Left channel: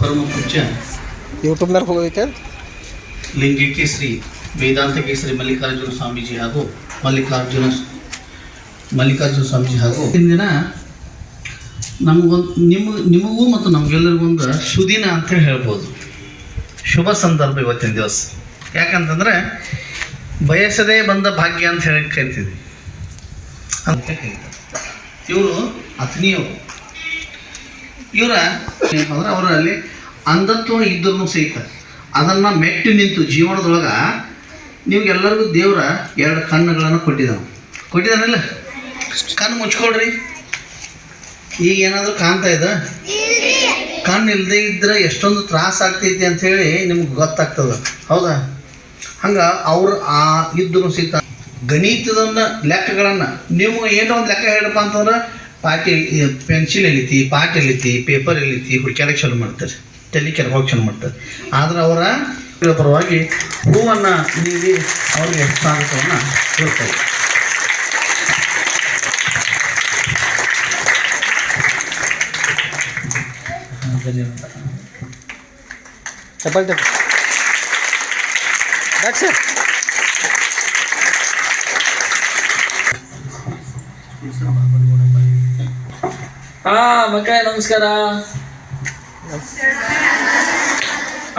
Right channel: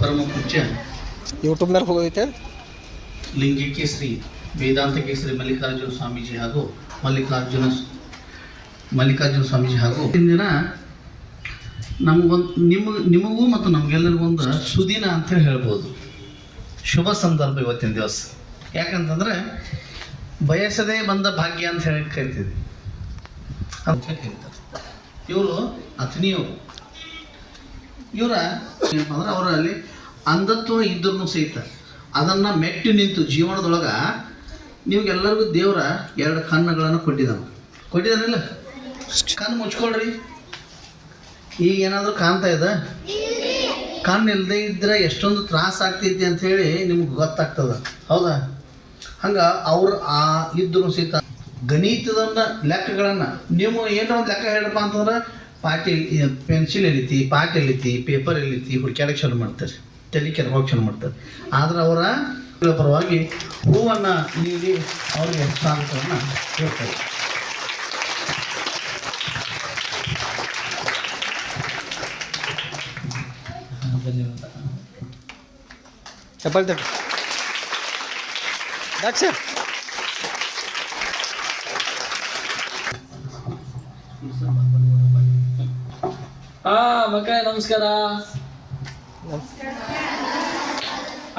ಪರಮ ಪೂಜ್ಯ ಯೂಟ್ಯೂಬ್ನಾಗ ಹೋಗೈತೆ ಲಿಂಗೈಕ್ಯ ಶ್ರೀ ವೇದಾಂತ ಕೇಸರಿ ಮಲ್ಲಿಕಾರ್ಜುನ ಸ್ವಾಮೀಜಿ ಹಾಗೂ ಮಲ್ಲಿಕಾರ್ಜುನ ಸ್ವಾಮೀಜಿ ಹಾಗೂ ಇಂದಿನ ನಿಮಗೂ ಮತ್ತು ನಮಗೆಲ್ಲರಿಗೂ ಒಂದು ಸುದಿನ ಅಂತ ಹೇಳ್ಬೋದು. ಶುಭ ಸಂದರ್ಭ ಇವತ್ತಿನ ದಿವಸ. ಯಾಕಂತಂದರೆ ಬಯಸದೇ ಬಂದ ಭಾಗ್ಯ ಅಂತ ಹೇಳಿ ಕರಿತೀವಿ ಅಂತ ಹೇಳ್ತಾರೆ. ಇವರು ಅತ್ನಿಯವರು. ಇವರ ಏನಂತಂದ್ರೆ ಅವರಲ್ಲಿ ಅಂಧತ್ವ ಇದ್ದರೂ ಸಹಿತ ಅದನ್ನು ಮೆಟ್ಟಿ ನಿಂತು ಜೀವನದೊಳಗೆ ನಿಮಗೆಲ್ಲರಿಗೂ ದೇವರ 2 ಕಣ್ಣುಗಳನ್ನು ಕೊಟ್ಟಿದ್ದಾನಿಲ್ಲ. ಕಣ್ಣು ಮುಚ್ಕೊಳ್ರಿ. ಈಗ ಏನಾದರೂ ಕಾಣ್ತಾ ಇದೆ? ಕಣ್ಣು ಇಲ್ಲದೆ ಇದ್ದರೆ ಎಷ್ಟೊಂದು ತ್ರಾಸ ಆಗ್ತೈತಿ ಅಂಥೇಳಿ ನಿಮ್ಗೆ ಗೊತ್ತಾಗ್ತದೆ, ಹೌದಾ? ಹಂಗೆ ಅವ್ರು ಇದ್ದರೂ ಸಹಿತ ಗಣಿತದ ಲೆಕ್ಕಗಳನ್ನು ನೀವು ಏನೋ ಒಂದು ಲೆಕ್ಕ ಹೇಳಪ್ಪ ಅಂತಂದ್ರೆ ಪೆನ್ಸಿಲ್ ಎಳಿತಿ, ಪಾಟ್ ಎಳಿತಿ, ಪೇಪರ್ ಎಳಿತಿ, ಹುಡುಕ್ಯಾಡಕ್ಕೆ ಚಾಲು ಮಾಡ್ತಾರೆ, ತಲೆ ಕೆರಗೋಗಿ ಚಾಲು ಮಾಡ್ತಾರೆ. ಆದ್ರೆ ಅವರ ಪರವಾಗಿ ಹೂವನ್ನು ನೀಡಿ ಅವ್ರಿಗೆ ಸ್ವಾಗತವನ್ನು ಕೊಡ್ತಾರೆ. ಸರ್ ಮಕ್ಕಳೇ ನಮಸ್ಕಾರ.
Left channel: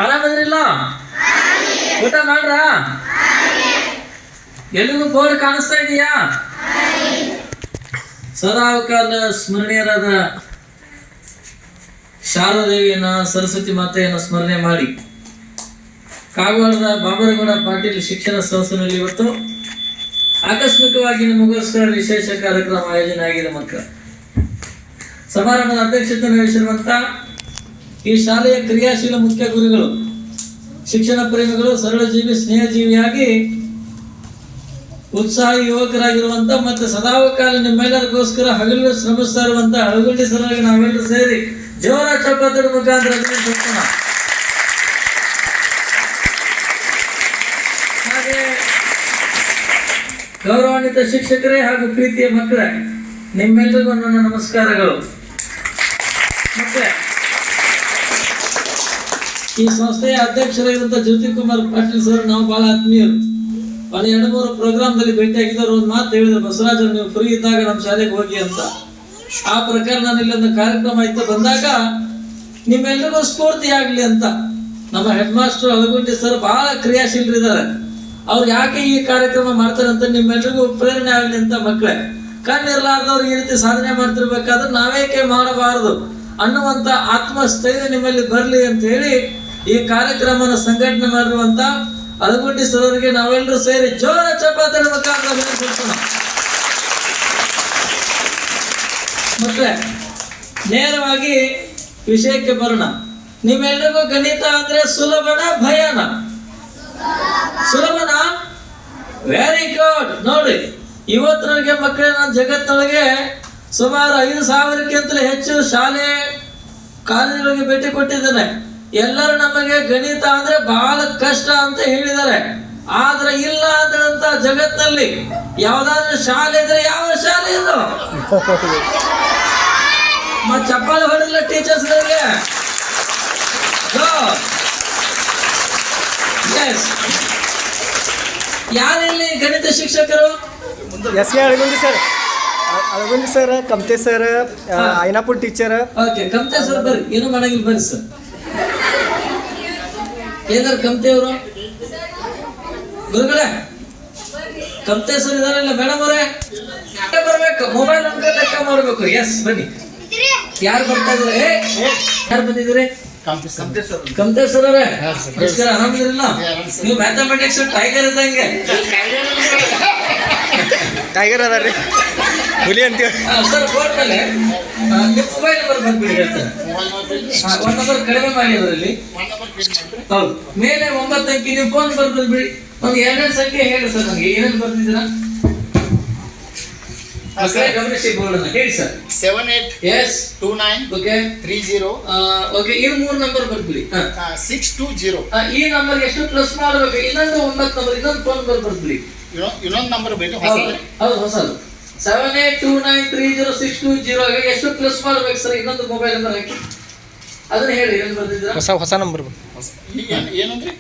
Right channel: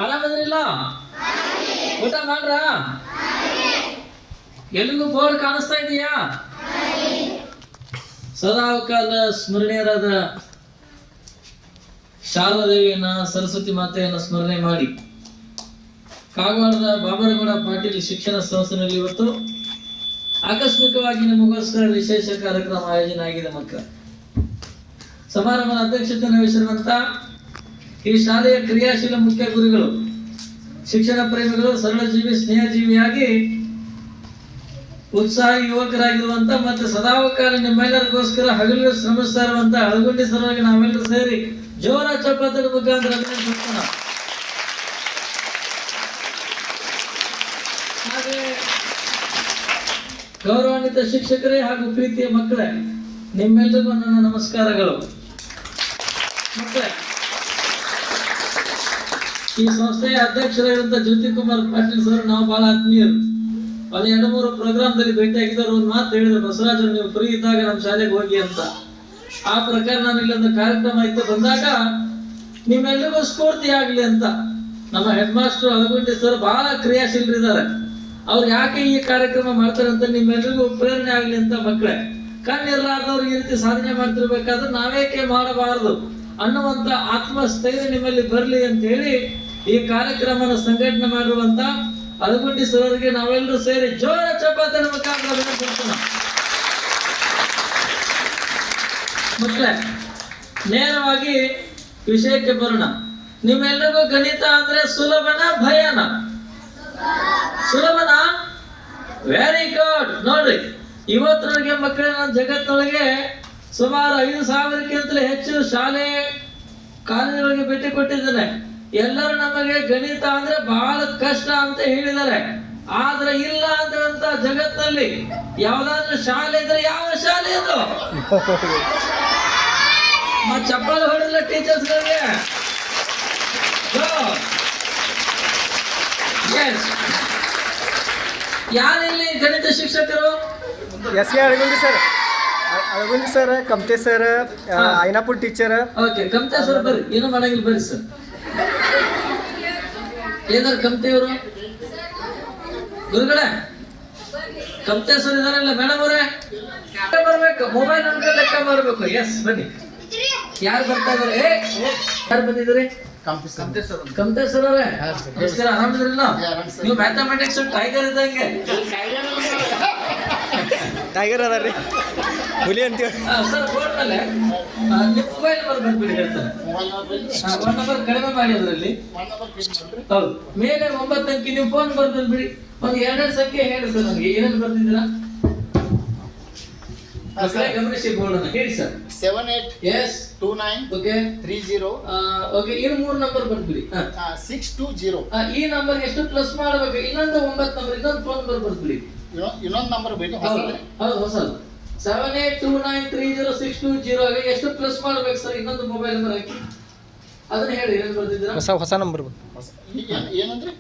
ಆರಾಮದ್ರಿಲ್ಲ? ಊಟ ಮಾಡ್ರ? ಎಲ್ಲಿಗೂ ಬೋರ್ಡ್ ಕಾಣಿಸ್ತಾ ಇದೆಯಾ? ಸದಾಕಾಲ ಸ್ಮರಣೀಯರಾದ ಶಾರದೇವಿಯನ್ನ, ಸರಸ್ವತಿ ಮಾತೆಯನ್ನು ಸ್ಮರಣೆ ಮಾಡಿ ಕಾಗವಾಡದ ಬಾಬರಗೌಡ ಪಾಟೀಲ್ ಶಿಕ್ಷಣ ಸಂಸ್ಥೆಯಲ್ಲಿ ಇವತ್ತು ಆಕಸ್ಮಿಕವಾಗಿ ನಿಮಗೋಸ್ಕರ ವಿಶೇಷ ಕಾರ್ಯಕ್ರಮ ಆಯೋಜನೆ ಆಗಿದೆ. ಮಕ್ಕಳ ಸಮಾರಂಭದ ಅಧ್ಯಕ್ಷತೆಯನ್ನು ವಹಿಸಿರುವಂಥ ಈ ಶಾಲೆಯ ಕ್ರಿಯಾಶೀಲ ಮುಖ್ಯ ಗುರುಗಳು, ಶಿಕ್ಷಣ ಪ್ರೇಮಿಗಳು, ಸರಳ ಜೀವಿ, ಸ್ನೇಹಜೀವಿಯಾಗಿ ಉತ್ಸಾಹಿ ಯುವಕರಾಗಿರುವಂಥ ಮತ್ತು ಸದಾಕಾಲ ನಿಮ್ಮೆಲ್ಲರಿಗೋಸ್ಕರ ಹಗಲು ಶ್ರಮಿಸ್ತಾ ಇರುವಂಥ ಹಳಗುಂಡಿ ಸರವಾಗಿ ನಾವೆಲ್ಲರೂ ಸೇರಿ ಜೋರ ಚಪ್ಪತ್ತದ ಮುಖಾಂತರ ಹಾಗೆ ಗೌರವಾನ್ವಿತ ಶಿಕ್ಷಕರೇ ಹಾಗೂ ಪ್ರೀತಿಯ ಮಕ್ಕಳೇ, ನಿಮ್ಮೆಲ್ಲರಿಗೂ ನನ್ನ ನಮಸ್ಕಾರಗಳು. ಮತ್ತೆ ಈ ಸಂಸ್ಥೆಯ ಅಧ್ಯಕ್ಷರಾಗಿರುವಂಥ ಜ್ಯೋತಿ ಕುಮಾರ್ ಪಾಟೀಲ್ ಸರ್ ನಾವು ಬಹಳ ಆತ್ಮೀಯರು. ಅಲ್ಲಿ 2-3 ಪ್ರೋಗ್ರಾಮ್ದಲ್ಲಿ ಭೇಟಿಯಾಗಿದ್ದವರು ಒಂದು ಮಾತು ಹೇಳಿದ್ರು, ಬಸವರಾಜ್ ನೀವು ಫ್ರೀ ಇದ್ದಾಗ ನಮ್ಮ ಶಾಲೆಗೆ ಹೋಗಿ ಅಂತ. ಆ ಪ್ರಕಾರ ನಾನು ಇಲ್ಲೊಂದು ಕಾರ್ಯಕ್ರಮ ಇತ್ತು ಬಂದಾಗ ನಿಮ್ಮೆಲ್ಲರಿಗೂ ಸ್ಫೂರ್ತಿ ಆಗಲಿ ಅಂತ ನಮ್ಮ ಹೆಡ್ ಮಾಸ್ಟರ್ ಹಳಗುಂಡಿ ಸರ್ ಬಹಳ ಕ್ರಿಯಾಶೀಲರಿದ್ದಾರೆ. ಅವ್ರು ಯಾಕೆ ಈ ಕಾರ್ಯಕ್ರಮ ಮಾಡ್ತಾರೆ ಅಂತ ನಿಮ್ಮೆಲ್ಲರಿಗೂ ಪ್ರೇರಣೆ ಆಗಲಿ ಅಂತ. ಮಕ್ಕಳೇ, ಕಣ್ಣಿರ್ಲಾರ್ದವ್ರಿಗೆ ಈ ರೀತಿ ಸಾಧನೆ ಮಾಡ್ತಿರ್ಬೇಕಾದ್ರೆ ನಾವೇಕೆ ಮಾಡಬಾರದು ಅನ್ನುವಂಥ ಆತ್ಮಸ್ಥೈರ್ಯ ನಿಮ್ಮಲ್ಲಿ ಬರಲಿ ಅಂತ ಹೇಳಿ ಈ ಕಾರ್ಯಕ್ರಮನ ಸಂಘಟನೆ ಮಾಡಿರುವಂಥ ಹಳಗುಂಡಿ ಸರವರಿಗೆ ನಾವೆಲ್ಲರೂ ಸೇರಿ ಜೋರ ಚಪ್ಪಾಳೆ ಮುಖಾಂತರ ಅಭಿನಂದಿಸೋಣ. ಮಕ್ಕಳೇ, ನೇರವಾಗಿ ವಿಷಯಕ್ಕೆ ಬರೋಣ. ನಿಮ್ಮೆಲ್ಲರಿಗೂ ಗಣಿತ ಅಂದ್ರೆ ಸುಲಭನ ಭಯನ? ಸುಲಭನ? Very good. ನೋಡ್ರಿ, ಇವತ್ತರಿಗೆ ಮಕ್ಕಳೇ, ನಾನು ಜಗತ್ತಿನೊಳಗೆ ಸುಮಾರು 5,000ಕ್ಕಿಂತಲೂ ಹೆಚ್ಚು ಶಾಲೆ ಕಾಲೇಜುಗಳಿಗೆ ಭೇಟಿ ಕೊಟ್ಟಿದ್ದೇನೆ. ಎಲ್ಲರೂ ನಮಗೆ ಗಣಿತ ಅಂದ್ರೆ ಬಹಳ ಕಷ್ಟ ಅಂತ ಹೇಳಿದ್ದಾರೆ. ಆದ್ರೆ ಇಲ್ಲ ಅಂತ ಜಗತ್ತಿನಲ್ಲಿ ಯಾವ್ದಾದ್ರು ಶಾಲೆ ಇದ್ರೆ ಯಾವ ಶಾಲೆ ಇದು? ಚಪ್ಪಾಳೆ ಹೊಡೆದಿಲ್ಲ ಟೀಚರ್ಸ್ಗಳಿಗೆ? ಎಸ್. ಯಾರಿಲ್ಲಿ ಗಣಿತ ಶಿಕ್ಷಕರು? Alagundi sir, Kamthe sir, Ainapur teacher. Okay, Kamthe sir ಬರ್ರಿ. ಏನು ಮಾಡಂಗಿಲ್ಲ ಬರ್ರಿ ಸರ್. ಏನಾರು ಕಮ್ತೆ ಅವರು ಗುರುಗಳೇ? ಕಮ್ತೆ ಸರ್ ಇದಾರಲ್ಲ ಮೇಡಮ್ ಅವರೇ? ಬರ್ಬೇಕು, ಮೊಬೈಲ್ ನಂಬರ್ ಲೆಕ್ಕ ಮಾಡ್ಬೇಕು. ಎಸ್, ಬನ್ನಿ. ಯಾರು ಬರ್ತಾ ಇದಾರೆ? ಯಾರು ಬಂದಿದ್ದೀರಿ? ಕಮ್ತೆ ಸರ್ ಅವರೇ, ಆರಾಮಿದ್ರಲ್ಲ? ನೀವು ಮ್ಯಾಥಮೆಟಿಕ್ಸ್ ಟೈಗರ್ ಇದ್ದಂಗೆ. ಟೈಗರ್ ಅದ ರೀ, ಹುಲಿ ಅಂತೀವಿ ಸರ್. ಬೋರ್ಡ್ ಮೇಲೆ ನಿಮ್ಮ ಮೊಬೈಲ್ ನಂಬರ್ ಬಂದ್ಬಿಡಿ ಹೇಳ್ತಾರೆ. 1 ನಂಬರ್ ಕಡಿಮೆ ಮಾಡಿ ಅದರಲ್ಲಿ. ಹೌದು, ಮೇಲೆ 9 ಅಂಕಿ ನಿಮ್ಮ ಫೋನ್ ಬರ್ದಲ್ಲಿ ಬಿಡಿ. ಒಂದು 2 ಸಂಖ್ಯೆ ಹೇಳಿ ಸರ್. ನನಗೆ ಏನೇನು ಬರ್ತಿದ್ದೀರಾ ಗಮನಿಸಿ ಬೋರ್ಡ್ ಹೇಳಿ ಸರ್. 7829 okay 30 okay. ಇದು 3 ನಂಬರ್ ಬರ್ಬಿಡಿ. 620. ಈ ನಂಬರ್ ಎಷ್ಟು ಪ್ಲಸ್ ಮಾಡಬೇಕು? ಇನ್ನೊಂದು 9 ನಂಬರ್, ಇನ್ನೊಂದು ಫೋನ್ ನಂಬರ್ ಬರ್ಬಿಡಿ. ಇನ್ನೊಂದು ನಂಬರ್ ಬೇಕು. ಹೌದು, ಹೊಸದು. 7829306220 ಎಷ್ಟು ಪ್ಲಸ್ ಮಾಡ್ಬೇಕು ಸರ್? ಇನ್ನೊಂದು ಮೊಬೈಲ್ ನಂಬರ್ ಹಾಕಿ. ಅದನ್ನ ಹೇಳಿ ಏನು ಬರ್ತಿದ್ದೀರಾ? ಹೊಸ ನಂಬರ್ ಈಗ ಏನಂದ್ರೆ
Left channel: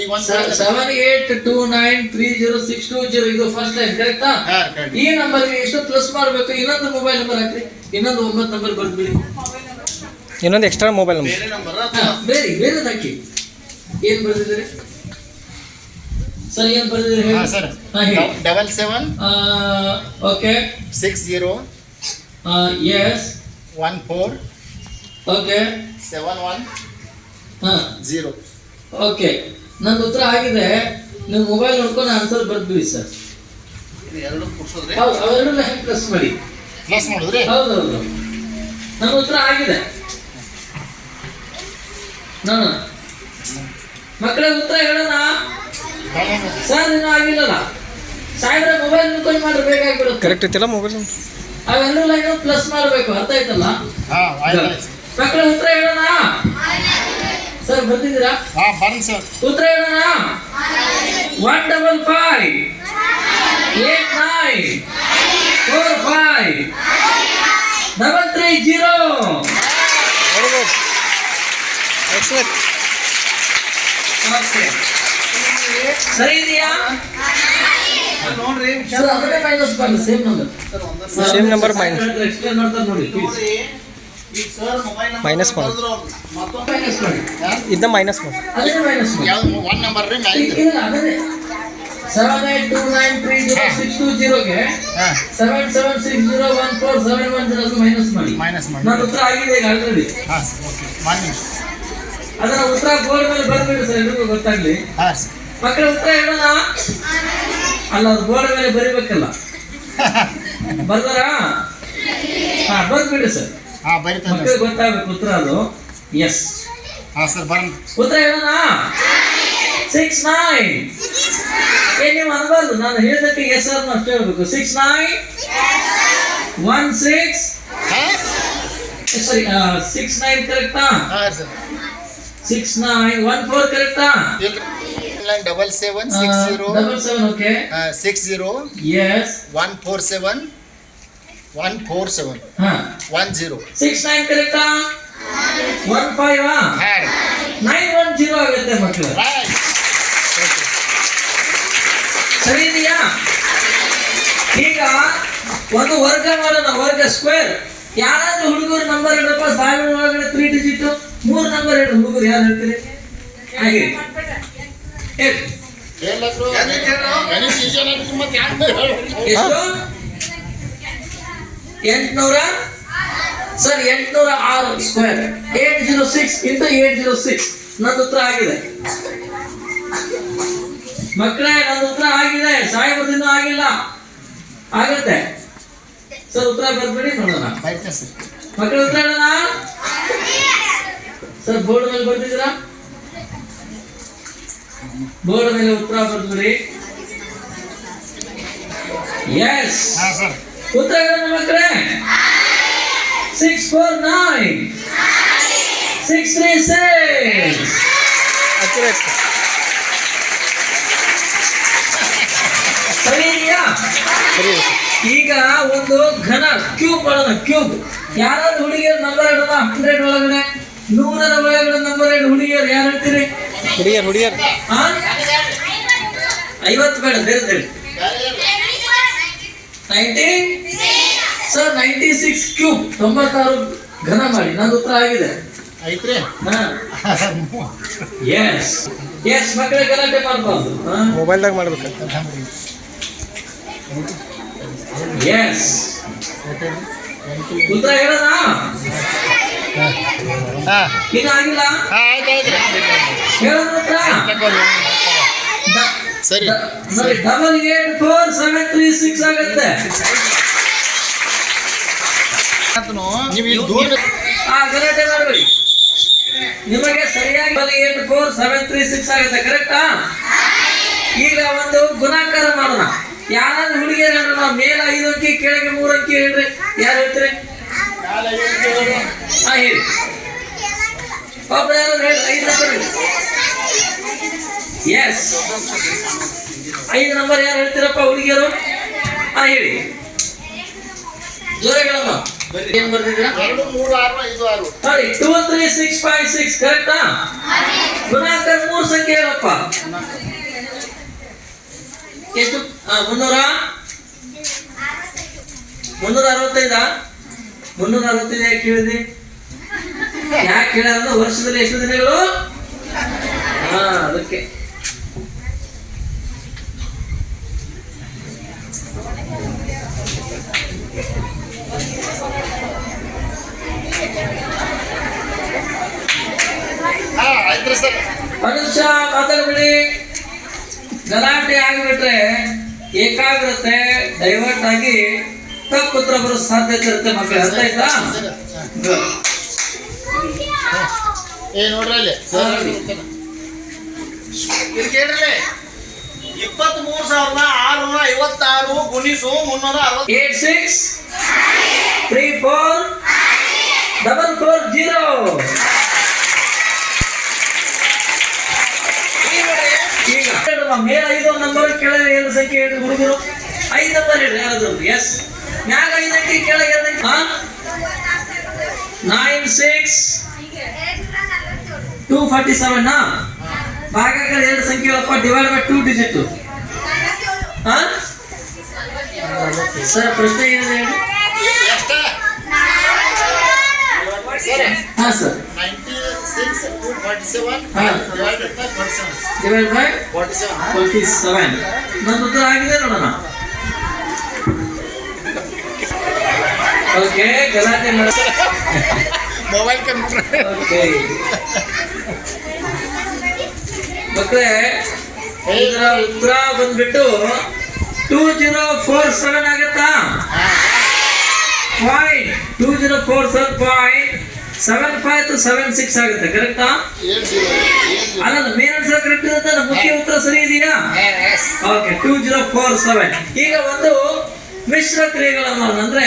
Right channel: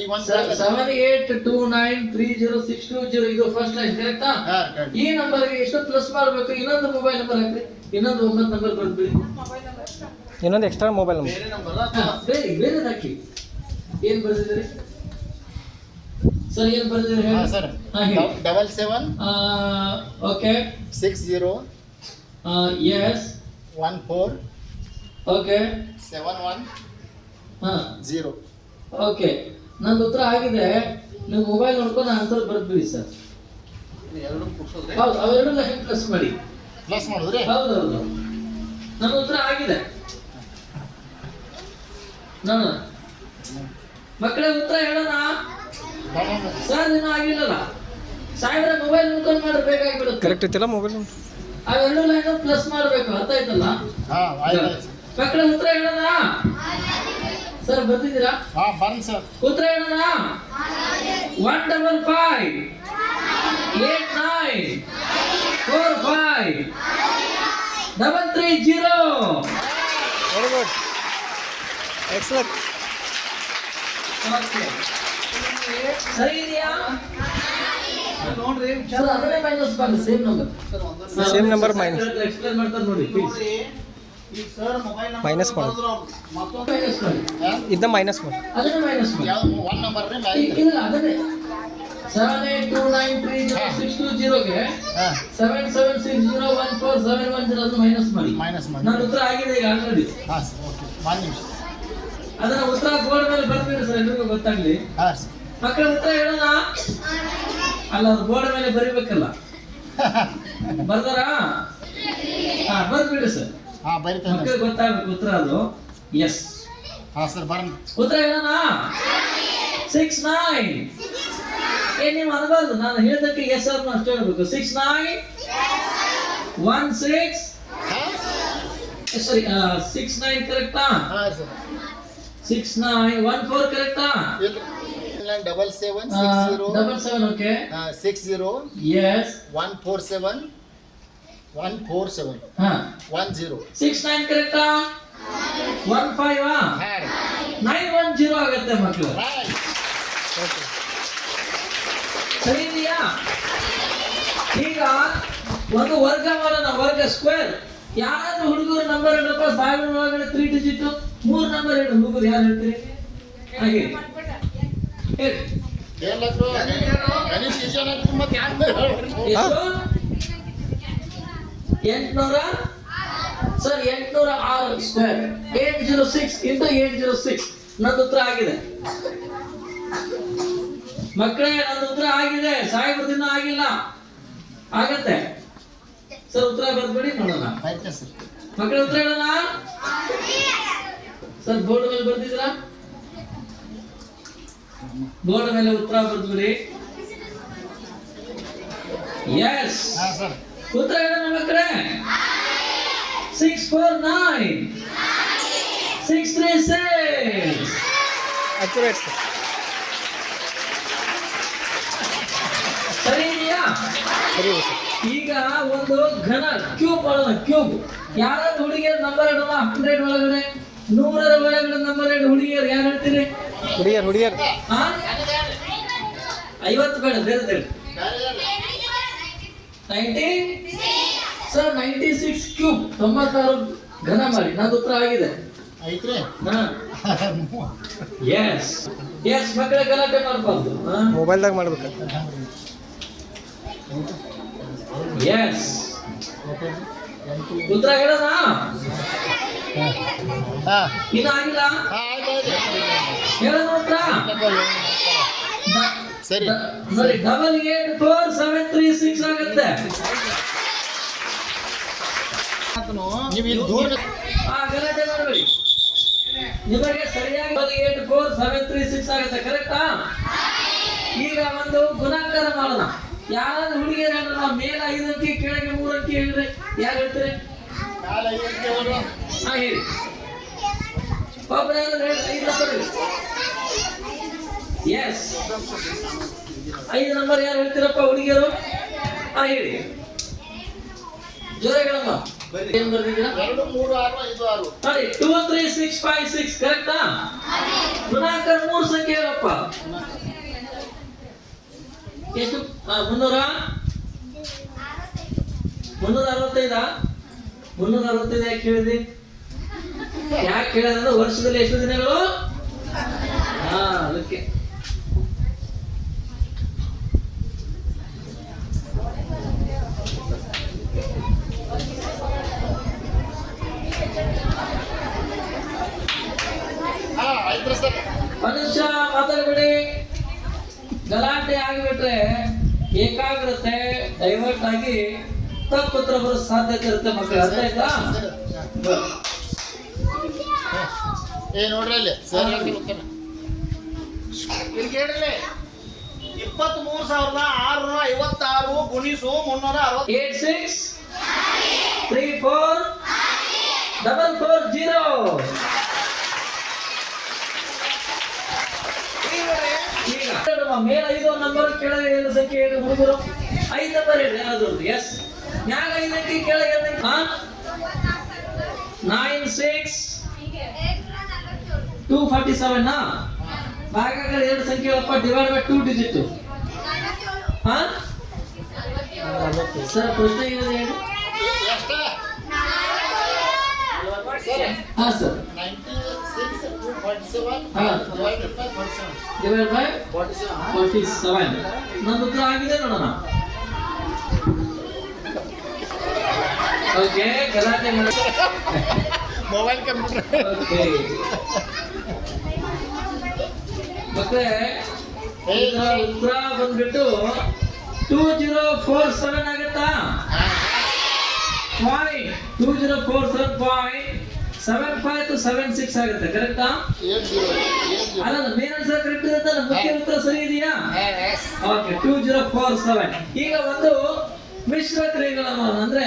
ಈಗ ಒಂದು 7829306220 ಇದು ಫಸ್ಟ್ ಲೈನ್ ಕರೆಕ್ಟಾ? ಈ ನಂಬರ್ಗೆ ಎಷ್ಟು ಪ್ಲಸ್ ಮಾಡಬೇಕು? ಇನ್ನೊಂದು ಮೊಬೈಲ್ ನಂಬರ್ ಹಾಕ್ರಿ, ಇನ್ನೊಂದು 9 ನಂಬರ್ ಬರ್ಬಿಡಿ. ಇನ್ನೊಂದು ಎಕ್ಸ್ಟ್ರಾ ಮೊಬೈಲ್ ನಂಬರ್ ಬೇರೆ ನಂಬರ್ ಬೇರೆ ಹಾಕಿ. ಏನ್ ಬರ್ತಿದ್ದೀರಿ ಸರ್? ಏನ್ ಬರ್ತಿದ್ದೀರಿ ಹಾಂ ಹೇಳಿ. ಸರ್ ಹಾ, ಹೇಳಿ. 77 ಓಕೆ 60 ಎಸ್ 14 ಓಕೆ 71 ಹಾ 0. ಓಕೆ, ನಂದು ಉತ್ತರ ಆಗಿದೆ. ನೀವು ಮೊಬೈಲ್ ನೋಡ್ಕೊಂಡು ಆನ್ಸರ್ ಬರ್ದ್ಬಿಡಿ ಸರ್. ಎರಡು ಕೂಡ್ಸೋದ್ರಿ. ಹೌದು, ಅವೆರಡನ್ನ ಪ್ಲಸ್ ಮಾಡಿ. ಪ್ಲಸ್ ಮಾಡಿದ್ರಿ? ಹೌದೌದು, ನಮ್ಮ ಉತ್ತರ ಆಗಿದೆ. ಮಕ್ಕಳ ಉತ್ತರ ಹೇಳೋಣ ಸರ್. ನೀನು ಆಗಿಲ್ಲಲ್ಲ ಸಾಯಂತ್ರ ಮೊಬೈಲ್ ಮುಖಂಡ್ ಮಾಡ್ರೆ ಬೇಕಾಗ್ಬಿಡುತ್ತೆ. ಕರೆಕ್ಟ್ ಐತಿಲ್ಲ ಮೊಬೈಲ್ ನಂಬರ್? ಅವೆರಡು ಲೈನು ಪ್ಲಸ್ ಮಾಡಬೇಕು, ಅರ್ಥ ಆಯ್ತಲ್ಲ? ಹಾಂ ಆಯ್ತು ಮಕ್ಕಳ ಉತ್ತರ ಹೇಳೋಣ ಸರ್. ಬರ್ತಿದ್ದೀರಾ? ಹಾಂ ಬನ್ನಿ ಸರ್. ಉತ್ತರ ಹೇಳೋಣ. 155 89 45 330. ಸರಿ ಇದೆಯಾ? ನೋಡ್ರಿ ಸರ್ ಅದನ್ನೇ ಮೈನಸ್ ಮಾಡಿ, same number. Same number minus. Explain ಮಾಡ್ತಾರೆ ನೋಡಿ ಪ್ಲೀಸ್. ಈಗ ಸರ್ ಮೊಬೈಲ್ ಮೈನಸ್ ಮಾಡಿ. ಮತ್ತೊಂದು ಮೈನಸ್ ಮಾಡಿ, ಇದನ್ನ ಮೈನಸ್ ಮಾಡಿ. ಅದನ್ನೇ ಮೈನಸ್ ಮಾಡಿ. ಯಾವ್ದು 1 ನಂಬರ್ ರೀ ಮ್ಯಾಲಿಂದ? ಇಲ್ಲ ಅದನ್ನೇ 7829306220ಗೆ ಹಾಂ 77601471 ಅದು ಮೈನಸ್ ಮಾಡಿ. ಮೈನಸ್ ಮಾಡಿ. ನನ್ನ ಉತ್ತರ ಆಗಿದೆ ಈಗ ಆಲ್ರೆಡಿ. ಹಾಂ ಸರ್ ಓಕೆ ಬನ್ನಿ. ಅದರ ಉತ್ತರ ಬೋರ್ಡ್ ಮೇಲೆ ಬರ್ಬೇಡಿ ಸರ್, ಎಲ್ರಿಗೂ ಗೊತ್ತಾಗ್ಲಿ. ಹಾಂ ಸರ್ ಮಕ್ಕಳ ಉತ್ತರ ಹೇಳೋಣ. ಅಲ್ಲ, ಅದು ಬೋರ್ಡ್ ಮೇಲೆ ಬರಿಬೇಕಲ್ಲ. ಬರ್ದಾರ? ಹಾ ಬರ್ಬಿಡಿ ಸರ್, ಹಾಂ ಬರೀತಾನೆ. ಮಕ್ಕಳಿಗೆ ಗೊತ್ತಾಗಬೇಕು ಉತ್ತರ ಅದು. ಎಸ್, ಹಾಂ ಸರ್ ಬನ್ನಿ. ಉತ್ತರ ಹೇಳೋಣ. 69. ನೀವು ಅನ್ಬಾರ್ದು, ನಾನು ಹೇಳಿದಕ್ಕೆ ಎಸ್ ಆರ್ ಅಷ್ಟೇ ಹೇಳ್ಬೇಕು. 6916 ಸಾರಿ 69 ಕರೆಕ್ಟಾ? ಹಾಂ ಸರ್ 6914 ಕರೆಕ್ಟಾ? 7760 77 ಓಕೆ 60 ಎಸ್ 147 ಹಾ 10. 69 ಕರೆಕ್ಟಾ? 15 ಹಾಂ 910 ಆಗುತ್ತೆ ಮಕ್ಕಳು. ರೈಟ್. ಸರಿ ಇದೆಯಾ? ಈಗ ಒಂದು ವರ್ಗ ಮಾಡೋಣ, ವರ್ಗ ಸ್ಕ್ವೇರ್. ಯಾರಾದ್ರೂ ಹುಡುಗರು ನಂಬರ್ ಹೇಳಪ್ಪ, 1000 ಒಳಗಡೆ 3 ಡಿಜಿಟ್ 3 ನಂಬರ್ ಹೇಳಿ. ಹುಡುಗರು ಯಾರು ಹೇಳ್ತೀರಿ? ಹಾಗೆ ಹೇಳಿ. ಎಲ್ಲಾದ್ರೂ ಗಣಿತ ಈಜಿ ಅನ್ನೋದಕ್ಕೆ ಮತ್ತೆ ಯಾರು ಎಷ್ಟು? 800 ಸರ್ 806 ಸ್ಕ್ವೇರ್ 806 ಇಂಟು 806. ನನ್ನ ಉತ್ತರ ಆಗಿದೆ ಮಕ್ಕಳೇ, ನನ್ನ ಉತ್ತರ ಆಗಿದೆ. ಸಾಹೇಬ್ರದಿಂದ ಆಗಿಲ್ಲ, ಆಗುತ್ತೆ ಸರ್. ಉತ್ತರ ಬರ್ಬೇಡಿ, ನೋಡೋಣ. ಬರೀತೆ ಸರ್. ಮಕ್ಕಳ ಉತ್ತರ ಹೇಳೋಣ ಸರ್. ಬೋರ್ಡ್ ಮೇಲೆ ಬರ್ತಿದ್ದೀರಾ? ಬೋರ್ಡ್ ಮೇಲೆ ಉತ್ತರ ಬರ್ದ್ಬಿಡಿ. ಎಸ್, ಹಾಂ ಸರ್ ಉತ್ತರ ಹೇಳೋಣ ಮಕ್ಕಳೇ. 649 636. ಸರಿ ಇದೆಯಾ? ಈಗ ಒಂದು ಘನ ಕ್ಯೂಬ್ ಮಾಡೋಣ. ಕ್ಯೂಬ್ ಯಾರಾದ್ರೂ ಹುಡುಗಿಯರು ನಂಬರ್ ಹೇಳೋಣ. 100 ಒಳಗಡೆ 100ರ ಒಳಗಡೆ ನಂಬರ್ ಹೇಳಿ. ಹುಡುಗಿಯರು ಯಾರು ಹೇಳ್ತೀರಿ? ಹುಡುಗಿಯರ್ 50 ಬೇಡ, ಬೇರೆ ಹೇಳಿ. 90 ಸರ್ 96 ಕ್ಯೂಬ್ 96 ಘನ ಮಾಡಿ. ನಂದು ಉತ್ತರ ಆಗಿದೆ. ಐತ್ರಿ. ಎಸ್ ಎಸ್ ಮಕ್ಕಳ ಗಲಾಟೆ ಮಾಡಬಾರ್ದು. ಮೊಬೈಲ್ದಾಗ ಮಾಡ್ಬೇಕು. ಎಸ್, ಉತ್ತರ ಹೇಳೋಣ. ಹಾಂ ಇನ್ನು ಆಗಿಲ್ಲ, ಆಯ್ತು ಹೇಳೋಣ ಉತ್ತರ. ಸರಿ ನೋಡಿ 884736 ಆಗುತ್ತೆ. ನೀವು ಇಲ್ಲಿ ದೂರ ಗಲಾಟೆ ಮಾಡಬೇಡಿ. ನಿಮಗೆ ಸರಿಯಾಗಿ 884736 ಆಗುತ್ತೆ, ಕರೆಕ್ಟಾ? ಈಗ ಒಂದು ಗುಣಾಕಾರ ಮಾಡೋಣ. ಯಾರಾದ್ರೂ ಹುಡುಗಿಯರು ಹೇಳೋಣ. ಮೇಲ 5 ಅಂಕಿ, ಕೆಳಗೆ 3 ಅಂಕಿ ಹೇಳ್ರಿ. ಯಾರು ಹೇಳ್ತೀರಿ? ಹಾ ಹೇಳಿ. ಒಬ್ರು ಯಾರಾದ್ರೂ ಹೇಳಿ. 5 ನಂಬರ್ ಹೇಳಿ. ಎಸ್, 5 ನಂಬರ್ ಯಾರು ಹೇಳ್ತೀರಪ್ಪ ಹುಡುಗಿಯರು? ಹಾ ಹೇಳಿ, ಜೋರಾಗಿ ಹೇಳಮ್ಮ. ಏನ್ ಬರ್ತಿದ್ರ 2 3 6 5 6 ನೋಡಿ 2 3 6 5 6 ಕರೆಕ್ಟಾ ಗುಣಾಕಾರ 3 ಸಂಖ್ಯೆ ಹೇಳಪ್ಪ ಎಷ್ಟು 365 ಯಾಕೆ ಹೇಳಿದ್ರಿ ಯಾಕೆ ಹೇಳ್ಯಾರ ವರ್ಷದಲ್ಲಿ ಎಷ್ಟು ದಿನಗಳು ಅದಕ್ಕೆ ಆಯ್ತು ಸರ್. ಮನುಷ್ಯ ಮಾತಾಡ್ಬಿಡಿ ಗಲಾಟೆ ಆಗಿಬಿಟ್ರೆ ಏಕಾಗ್ರತೆ ಡೈವರ್ಟ್ ಆಗಿ ತಪ್ಪು ಉತ್ತರ ಬರೋ ಸಾಧ್ಯತೆ ಇರುತ್ತೆ ಮಕ್ಕಳು ಅರ್ಥ ಆಯ್ತಾ ನೋಡ್ರಿ ಅಲ್ಲಿ ಇಲ್ಲಿ ಕೇಳ್ರಿ 23,656 ಗುಣಿಸು 360 86 34 440 ಈಗ ಮೇಲ್ 5 ನಂಬರ್ ಕೆಳಗೆ 2 ಸಂಖ್ಯೆ ಹೇಳ್ರಿ ಹುಡುಗರು 5 ನಂಬರ್ ಹೇಳ್ರಿ ಯಾರಾದ್ರೂ ಎಸ್ ಮ್ಯಾಗ 5 ಅಂಕಿ ಕೆಳಗೆ 2 ಅಂಕಿ 96 247 ನಾ ಭಾಗಾಕಾರ 2 ಸಂಖ್ಯೆ ಹೇಳಪ್ಪ ಡಿವೈಡ್ ಬೈ 2 ಡಿಜಿಟ್ ಸರ್ ಪ್ರಶ್ನೆ ಏನಿದೆ ಹೇಳಿ ಎಷ್ಟು ಹಾ ಸರ್ 96 247 ಹಾ divided by 47 ಡಿವೈಡ್ ಬೈ 47 47 ನನ್ನ ಉತ್ತರ ಆಗಿದೆ ನೋಡೋಣ ಓಕೆ ಗಲಾಟೆ ಮೊಬೈಲ್ ಕಂಪ್ಯೂಟರ್ ಓಕೆ ಮಕ್ಕಳೇ ಇದರ ಉತ್ತರ ಬಂದ್ಬಿಟ್ಟು 2047 ಆಗತ್ತಾ ಪಾಯಿಂಟ್ 2047.75 to 76 ಆಗುತ್ತೆ ಕರೆಕ್ಟಾ ಅಲ್ಲ ಮೇನ್ ಆನ್ಸರ್ ಕರೆಕ್ಟ್ ಇರುತ್ತೆ ಮುಖ್ಯ ಉತ್ತರ ಸರಿ ಇದೆಯಾ ಓಕೆ 2047 ಈಗ ಒಂದು ಮಿಶ್ರ ಕ್ರಿಯೆಗಳನ್ನು ಅಂದ್ರೆ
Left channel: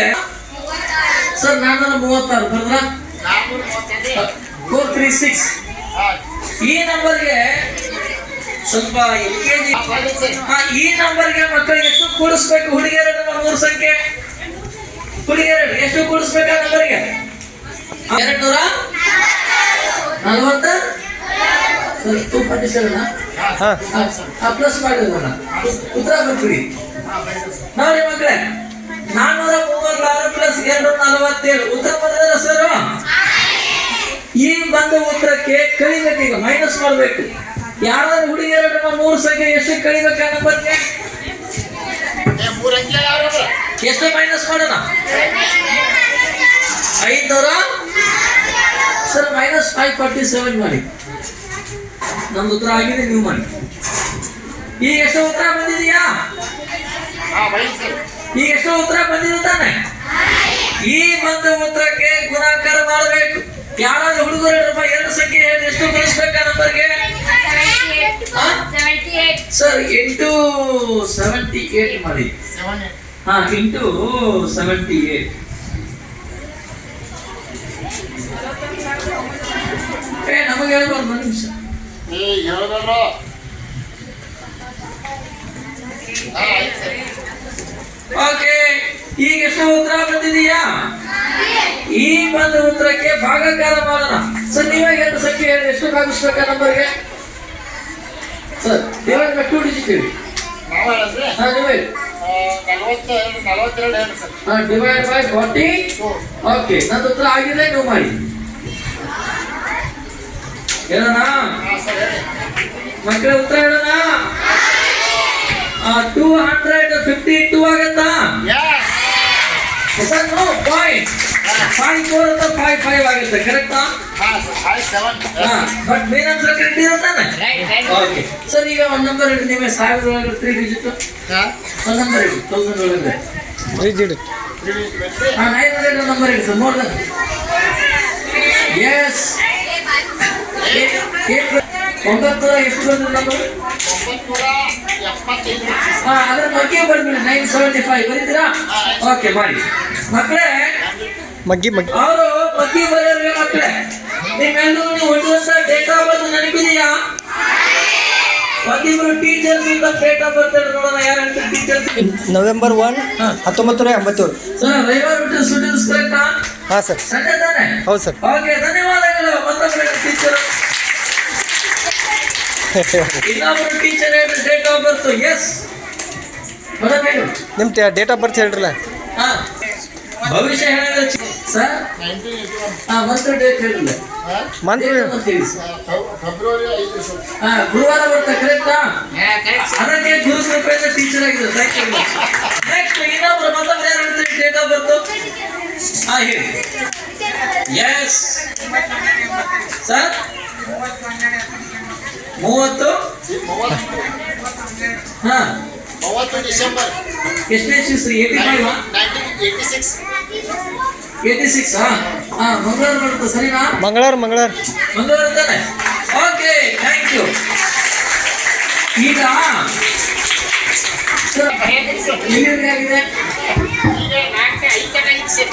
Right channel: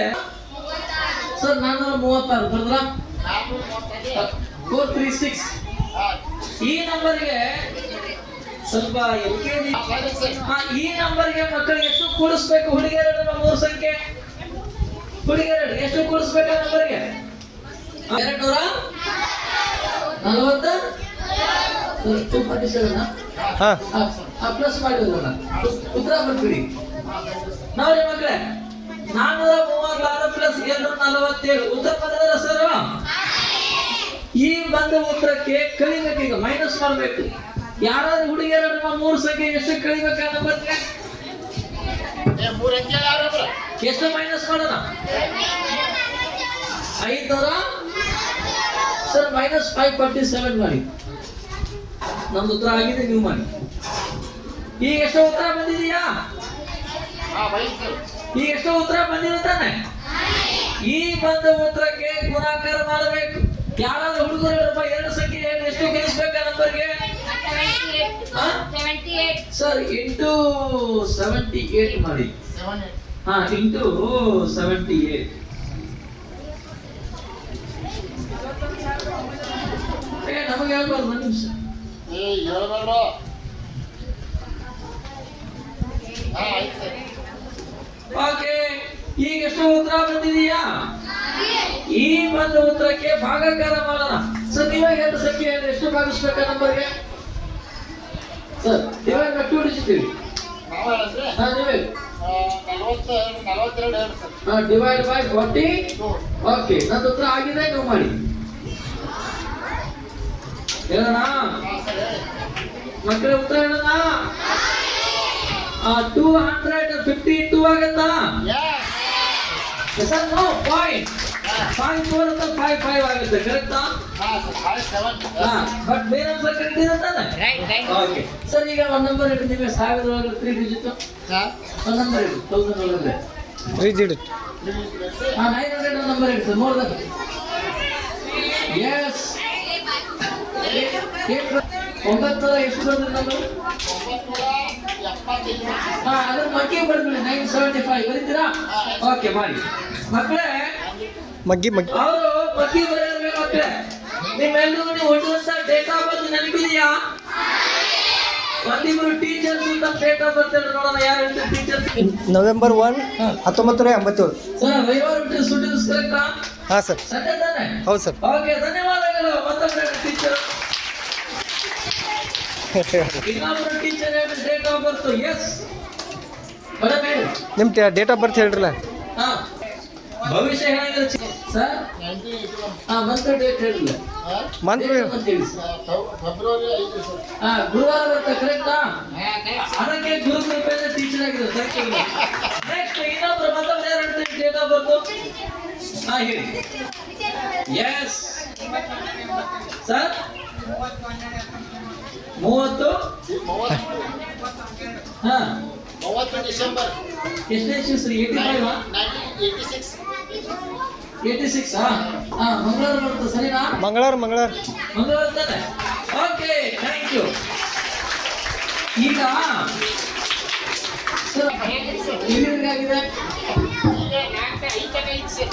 ಸರ್ 436 ಬರೆದ್ರ 436 ಈ ನಂಬರ್ಗೆ ಸ್ವಲ್ಪ LKG ಈ ನಂಬರ್ಗೆ ಮಕ್ಕಳಿಗೆ ಎಷ್ಟು ಕೂಡಿಸ್ಬೇಕು ಹುಡುಗಿಯರ 3 ಸಂಖ್ಯೆ ಹುಡುಗಿಯರ ಎಷ್ಟು ಕೂಡಿಸ್ಬೇಕು ಆ ನಂಬರ್ಗೆ 240 ಪ್ಲಸ್ ಮಾಡಿರೋಣ ಉತ್ತರ ಬರ್ತೀವಿ ನೋಡಿ ಮಕ್ಕಳೇ 436 ಪ್ಲಸ್ 247 ಉತ್ತರ ಬರೆದಾರ ಸರ್ ಈ ಬಂದ ಉತ್ತರಕ್ಕೆ ಕಳಿಬೇಕು ಈಗ ಮೈನಸ್ ಮಾಡಬೇಕು ಯಾರಾದ್ರೂ ಹುಡುಗಿಯರ 3 ಸಂಖ್ಯೆ ಎಷ್ಟು ಕಳಿಬೇಕು ಆ ನಂಬರ್ಗೆ ಎಷ್ಟು ಮೈನಸ್ ಮಾಡೋಣ 500 ಸರ್ ಮೈನಸ್ 547 ಮಾಡಿ ನಮ್ದು ಉತ್ತರ ಆಗಿದೆ ನೀವು ಮಾಡಿ ಈಗ ಎಷ್ಟು ಉತ್ತರ ಬಂದಿದೆಯಾ ಈಗ ಎಷ್ಟು ಉತ್ತರ ಬಂದಿರುತ್ತಾನೆ ಈ ಬಂದ ಉತ್ತರಕ್ಕೆ ಗುಣಾಕಾರ ಮಾಡಬೇಕು ಯಾರಾದ್ರೂ ಹುಡುಗರು 2 ಸಂಖ್ಯೆ ಹೇಳಿ ಎಷ್ಟು ಕಳಿಸ್ಬೇಕು ಆ ನಂಬರ್ಗೆ ಸರ್ 78 ಮಾಡಿ ಹಾ 78 ನಮಗೆ ಹೇಳ್ಬಾರ್ದು 1 ನಿಮಿಷ ಓಕೆ ಈಗ ಎಷ್ಟು ಉತ್ತರ ಬಂದಿದೆಯಾ ಈ ಬಂದ ಉತ್ತರಕ್ಕೆ ಭಾಗಾಕಾರ ಮಾಡೋಣ ಸರ್ ನೀವೇ 2 ಸಂಖ್ಯೆ ಹೇಳಿ ಎಷ್ಟು ಭಾಗಿಸ್ಬೇಕಾ ನಂಬರ್ಗೆ ಸರ್ ಡಿವೈಡ್ ಬೈ 2 ಡಿಜಿಟ್ ಹೇಳಿ ಹಾ ನೀವೇ ಡಿವೈಡ್ ಬೈ 40 ಓಕೆ ನಂದು ಉತ್ತರ ಆಗಿದೆ ನೀವು ಮಾಡಿ ಹೇಳೋಣ ಮಕ್ಕಳೇ ಉತ್ತರ ಹೇಳೋಣ 252 ಆಗತ್ತಾ ಸರ್ ನೋ ಪಾಯಿಂಟ್ 54 ಅಥವಾ 55 ಆಗುತ್ತೆ ಕರೆಕ್ಟಾ ಬಟ್ ಮೇನ್ ಆನ್ಸರ್ ಕರೆಕ್ಟ್ ಇರುತ್ತಾನೆ ಓಕೆ ಸರ್ ಈಗ ಒಂದು ನಂಬರ್ ಹೇಳಿ ನೀವೇ 1000 ಒಳಗೆ 3 ಡಿಜಿಟ್ ಒಂದು ನಂಬರ್ ಹೇಳಿ 1000 ಒಳಗೆ 3 digit 900 ನಂಬರ್ ಹೇಳಿ ಸರ್ ಮೋರ್ ದನ್ ಎಸ್ 900 ಎಷ್ಟು ಬಂದಿದೆ ನಂಬರ್ ಅದ್ರ ಬಗ್ಗೆ ಬರ್ಬಿಡಿ 975 ಬರೀತೀರಾ ಓಕೆ ಮಾಡಿ ಮಕ್ಕಳೇ ಮಗ್ಗಿ ಅವರು ಮಗ್ಗಿ ಬರೋರಿಗೆ ಮಕ್ಕಳೇ ನಿಮ್ಮೆಲ್ಲರೂ ನೀವು ಹೊಂದುವಂತ ಡೇಟ್ ಆಫ್ ಬರ್ತ್ ನೆನಪಿದೆಯಾ ಒಂದಿಬ್ರು ಟೀಚರ್ಸ್ ಇಂದ ಡೇಟ್ ಆಫ್ ಬರ್ತ್ ನೋಡೋಣ. ಯಾರು ಹೇಳ್ತಾರೆ ಟೀಚರ್ಸ್? ನವೆಂಬರ್ 1 ಹಾ. 1987. ಸರ್ ರವಿವಾರ ಬಿಟ್ಟು ಸ್ಟೂಡೆಂಟ್ಸ್ ಕರೆಕ್ಟಾ? ಹಾಂ ಸರ್. ಸಂಡೆ ತಾನೆ? ಹೌದು ಸರ್. ಓಕೆ, ಧನ್ಯವಾದಗಳು. ಮತ್ತೊಬ್ಬರು ಟೀಚರ್, ಇನ್ನೊಬ್ಬರು ಟೀಚರ್ ಹೇಳಿ date of birth. Yes madam ಹೇಳಿ. ನಿಮ್ಮ ಡೇಟ್ ಆಫ್ ಬರ್ತ್ ಹೇಳ್ರಲ್ಲ. ಹಾ, ಭವಿಷ್ಯ ಹೇಳಿದ್ರೆ ಸರ್. ಹಾ, ಮಂತ್ ಡೇಟ್ ಹೇಳಿಲ್ಲ. Month February 5 sir. ಹಾ, ಗುರುವಾರ ಬರ್ತಾ ಕರೆಕ್ಟಾ? ಅದಕ್ಕೆ ಗುರುಕೃಪೆಯಿಂದ ಟೀಚರ್ ಆಗಿದೆ. Thank you. ನೆಕ್ಸ್ಟ್ ಇನ್ನೊಬ್ರು ಮತ್ತೊಬ್ರು ಯಾರು ಹೇಳ್ತಾರೆ ಡೇಟ್ ಆಫ್ ಬರ್ತ್? ಹಾ ಹೇಳಿ. Yes sir, 30. ಹಾ, 30 ಡಿಸೆಂಬರ್ ಎಷ್ಟನೇ ಇಸ್ವಿ? 85 1986. 86. ಹಾ ಹಾ, ಮಂಗಳವಾರ ಬರುತ್ತೆ ಸರಿನಾ? ಮಂಗಳವಾರ ಮಂಗಳವಾರ ತಾನೆ? Okay, thank you. ಈಗ ಸರ್ ಎಲ್ಲಿವರೆಗೆ ಆಗಿದೆ?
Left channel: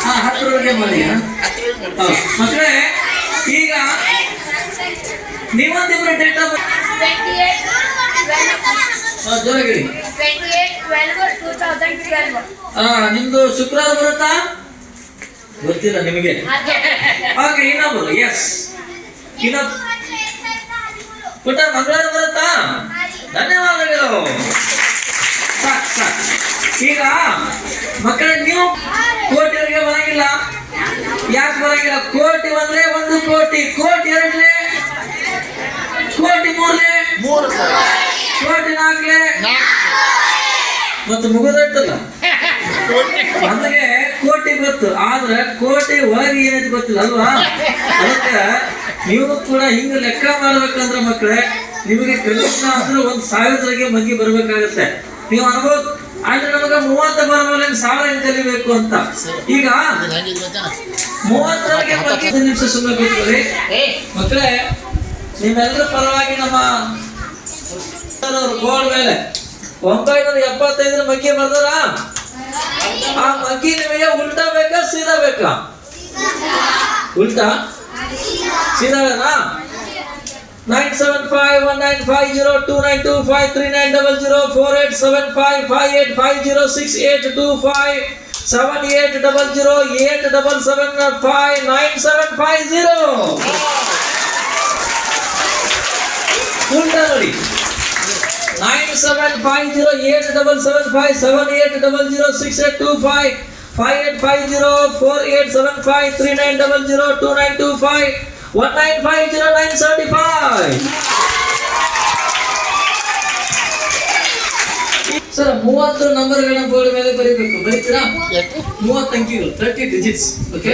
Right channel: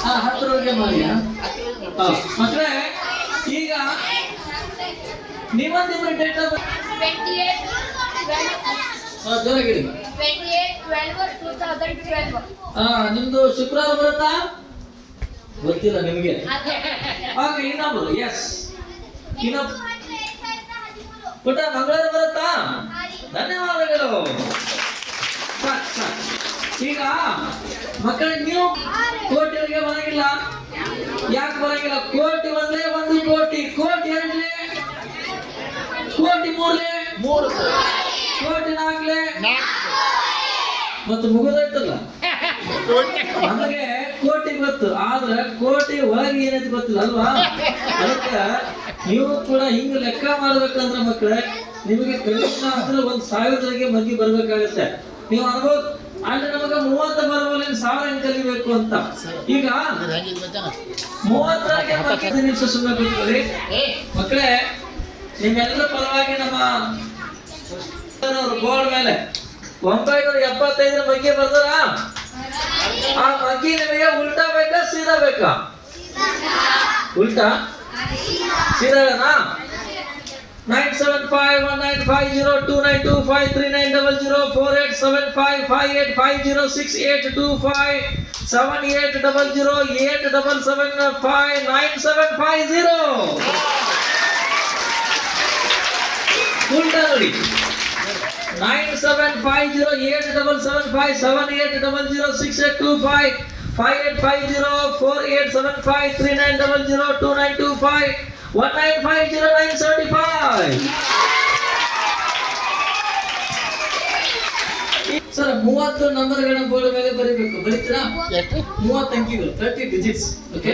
ಹಾ, 10ರವರೆಗೆ ಮಾಡಿ. ಮಕ್ಕಳೇ, ಈಗ ನೀವೊಂದಿಬ್ರು ಡೇಟ್ ಆಫ್ ಬರ್ತ್ ಜೋರಾಗಿ. 28/12/2012. ನಿಮ್ದು ಶುಕ್ರವಾರ ಬರುತ್ತಾ? ಗೊತ್ತಿಲ್ಲ ನಿಮಗೆ. ಓಕೆ, ಇನ್ನೊಬ್ಬರು. ಎಸ್, ಇನ್ನೊಬ್ಬ ಪುಟ ಮಂಗಳವಾರ ಬರುತ್ತಾ? ಧನ್ಯವಾದಗಳು. ಸಾಕು ಸಾಕು. ಈಗ ಮಕ್ಕಳೇ, ನೀವು ಕೋಟಿವರೆಗೆ ಬರಂಗಿಲ್ಲ. ಯಾಕೆ ಬರಂಗಿಲ್ಲ? ಕೋಟಿ ಒಂದ್ಲೆ 1 ಕೋಟಿ, ಕೋಟಿ ಎರಡ್ಲೆ, ಕೋಟಿ ಮೂರ್ಲೆ, 3 ಸರ್. ಕೋಟಿ ನಾಲ್ಕಲೆ, ಮತ್ತು ಮುಗಿದೋಯ್ತಲ್ಲ. ನಮಗೆ ಕೋಟಿ ಗೊತ್ತು, ಆದ್ರೆ ಕೋಟಿ ಒಳಗೆ ಏನೈತೆ ಗೊತ್ತಿಲ್ಲ ಅಲ್ವಾ? ಅದಕ್ಕೆ ನೀವು ಕೂಡ ಹಿಂಗೆ ಲೆಕ್ಕ ಮಾಡ್ಬೇಕಂದ್ರೆ ಮಕ್ಕಳೇ, ನಿಮಗೆ ಕನಿಷ್ಠ ಅಂದ್ರೆ 1,000 ಮಂದಿ ಬರ್ಬೇಕಾಗತ್ತೆ. ನೀವು ಅನ್ಬೋದು ಆದ್ರೆ ನಮಗೆ 30 ಬರಬಲ್ಲ 1,000 ಹೆಂಗ್ ಕಲಿಬೇಕು ಅಂತ. ಈಗ 30ರವರೆಗೆ 15 ನಿಮಿಷ ಸುಮ್ಮನೆ ಕೂತ್ಕೊಳ್ಳಿ. ಮಕ್ಕಳೇ, ನಿಮ್ಮೆಲ್ಲರ ಪರವಾಗಿ ನಮ್ಮ ಬೋರ್ಡ್ ಮೇಲೆ 975 ಮಗ್ಗಿ ಬರ್ದಾರ. ಆ ಮಗ್ಗಿ ನಿಮಗೆ ಉಲ್ಟಾ ಬೇಕಾ ಸೀದಾ ಬೇಕಾ? ಉಲ್ಟಾ ಸೀದಾ? 9751950850248755580068775877589750. ಉಲ್ಟಾ ನೋಡಿ. 97508877557850392519502925 ಸರ್ 30 ನಂಬರ್ಗಳ ಬೋರ್ಡ್ ಮೇಲೆ ಬರೀಬೇಕು. ಬರೀತೀರಾ? 30 ಅಂಕಿಗಳು, 30 ಡಿಜಿಟ್ಸ್. ಓಕೆ,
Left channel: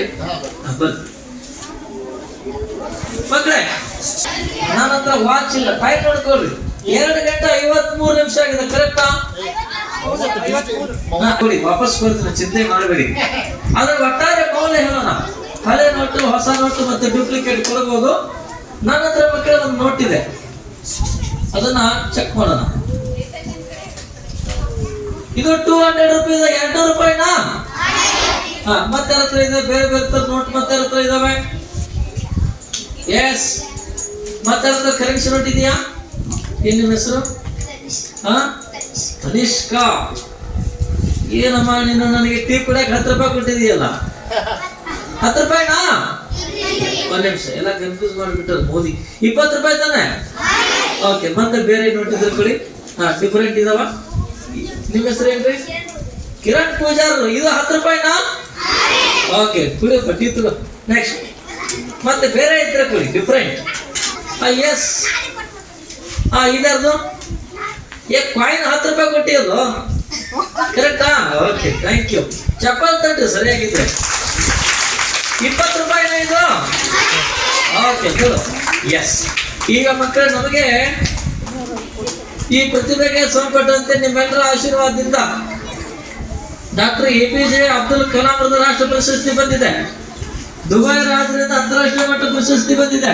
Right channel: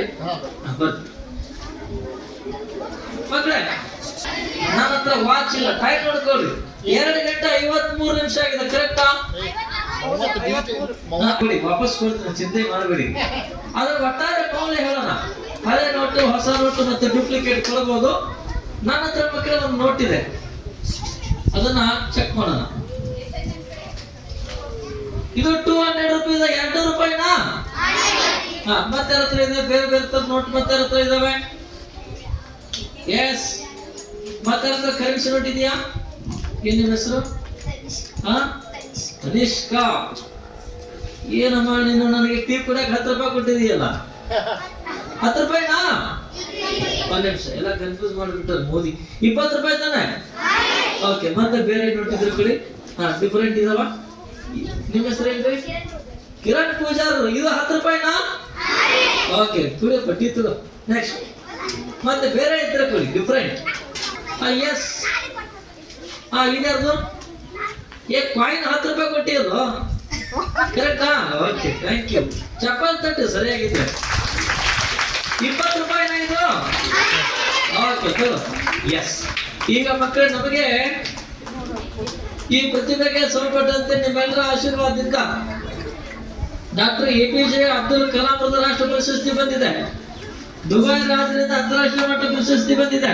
ಮಕ್ಕಳೇ, ನನ್ನ ಹತ್ರ ವಾಚ್ ಇಲ್ಲ. ಟೈಮ್ ನೋಡ್ಕೊಳ್ರಿ. 2:53 ಆಗಿದೆ. ಕರೆಕ್ಟಾ? ಕೊಡಿ, ವಾಪಸ್ ಕೊಡ್ತೀನಿ, ಚಿಂತೆ ಮಾಡಬೇಡಿ. ಅದರ ಒಟ್ಟಾರೆ ಮೌಲ್ಯ ಹೇಳೋಣ. ಹಳೆ ನೋಟು, ಹೊಸ ನೋಟು ಮತ್ತೆ ಡೂಪ್ಲಿಕೇಟ್ ಕೊಡ್ಬೋದು. ನನ್ನ ಹತ್ರ ಮಕ್ಕಳ ಒಂದು ನೋಟ್ ಇದೆ, ಅದನ್ನ ಚೆಕ್ ಮಾಡೋಣ. ಇದು 200 ರೂಪಾಯಿ. 200 ರೂಪಾಯಿನಾ? ಹಾ, ಮತ್ತೆ ಹತ್ರ ಇದೆ. ಬೇರೆ ಬೇರೆ ತರ ನೋಟ್ ಮತ್ತೆ ಹತ್ರ ಇದಾವೆ. ಎಸ್, ಮತ್ತೆ ಹತ್ರ ಕರೆನ್ಸಿ ನೋಟ್ ಇದೆಯಾ? ಏನ್ ನಿಮ್ಮ ಹೆಸರು? ಅನಿಷ್ಕಾ. ಏನಮ್ಮ ನೀನು ನನಗೆ ಟೀ ಕುಡಿಯಕ್ಕೆ 10 ರೂಪಾಯಿ ಕೊಟ್ಟಿದೀಯಲ್ಲ? 10 ರೂಪಾಯಿನಾ? ಒಂದ್ ನಿಮಿಷ, ಎಲ್ಲ ಕನ್ಫ್ಯೂಸ್ ಮಾಡಿಬಿಟ್ಟಾರೆ ಮೋದಿ. 20 ರೂಪಾಯಿ ತಾನೆ? ಓಕೆ, ಮತ್ತೆ ಬೇರೆ ನೋಟ್ ಇದ್ರೆ ಕೊಡಿ. ಹಾ, ಡಿಫರೆಂಟ್ ಇದಾವ. ನಿಮ್ಮ ಹೆಸರು ಏನ್ರಿ? ಕಿರಣ್ ಪೂಜಾರ್. ಇದು 10 ರೂಪಾಯಿನಾ? ಓಕೆ, ಕುಡಿ ಬಡ್ಡಿ ತಗೋ. ನೆಕ್ಸ್ಟ್ ಮತ್ತೆ ಬೇರೆ ಇದ್ರೆ ಕೊಡಿ, ಡಿಫರೆಂಟ್. ಎಸ್, ಇದರದು ಕಾಯಿನ್ 10 ರೂಪಾಯಿ ಕೊಟ್ಟಿರೋದು ಕರೆಕ್ಟಾ? Okay, thank you. ಚಪ್ಪಲ್ ತಟ್ಟು ಸರಿಯಾಗಿದೆ. 20 ರೂಪಾಯಿನ ಇದು? ಓಕೆ, ಹೇಳು. ಎಸ್. ಈಗ ಮಕ್ಕಳು, ನಮಗೆ ಈ ಪ್ರತಿಭೆಗೆ ಸಂಪಟ್ಟಂತೆ ನಿಮ್ಮೆಲ್ಲರ ಆಶೀರ್ವಾದದಿಂದ ಡಾಕ್ಟರ್ APJ ಅಬ್ದುಲ್ ಕಲಾಂ ಅವರ ರಾಷ್ಟ್ರ ಪ್ರಶಸ್ತಿ ಬಂದಿದೆ. ದುಬೈ ರಾಜ್ಯದಿಂದ ಅಂತಾರಾಷ್ಟ್ರೀಯ ಮಟ್ಟ ಪ್ರಶಸ್ತಿ ಬಂದಿದೆ.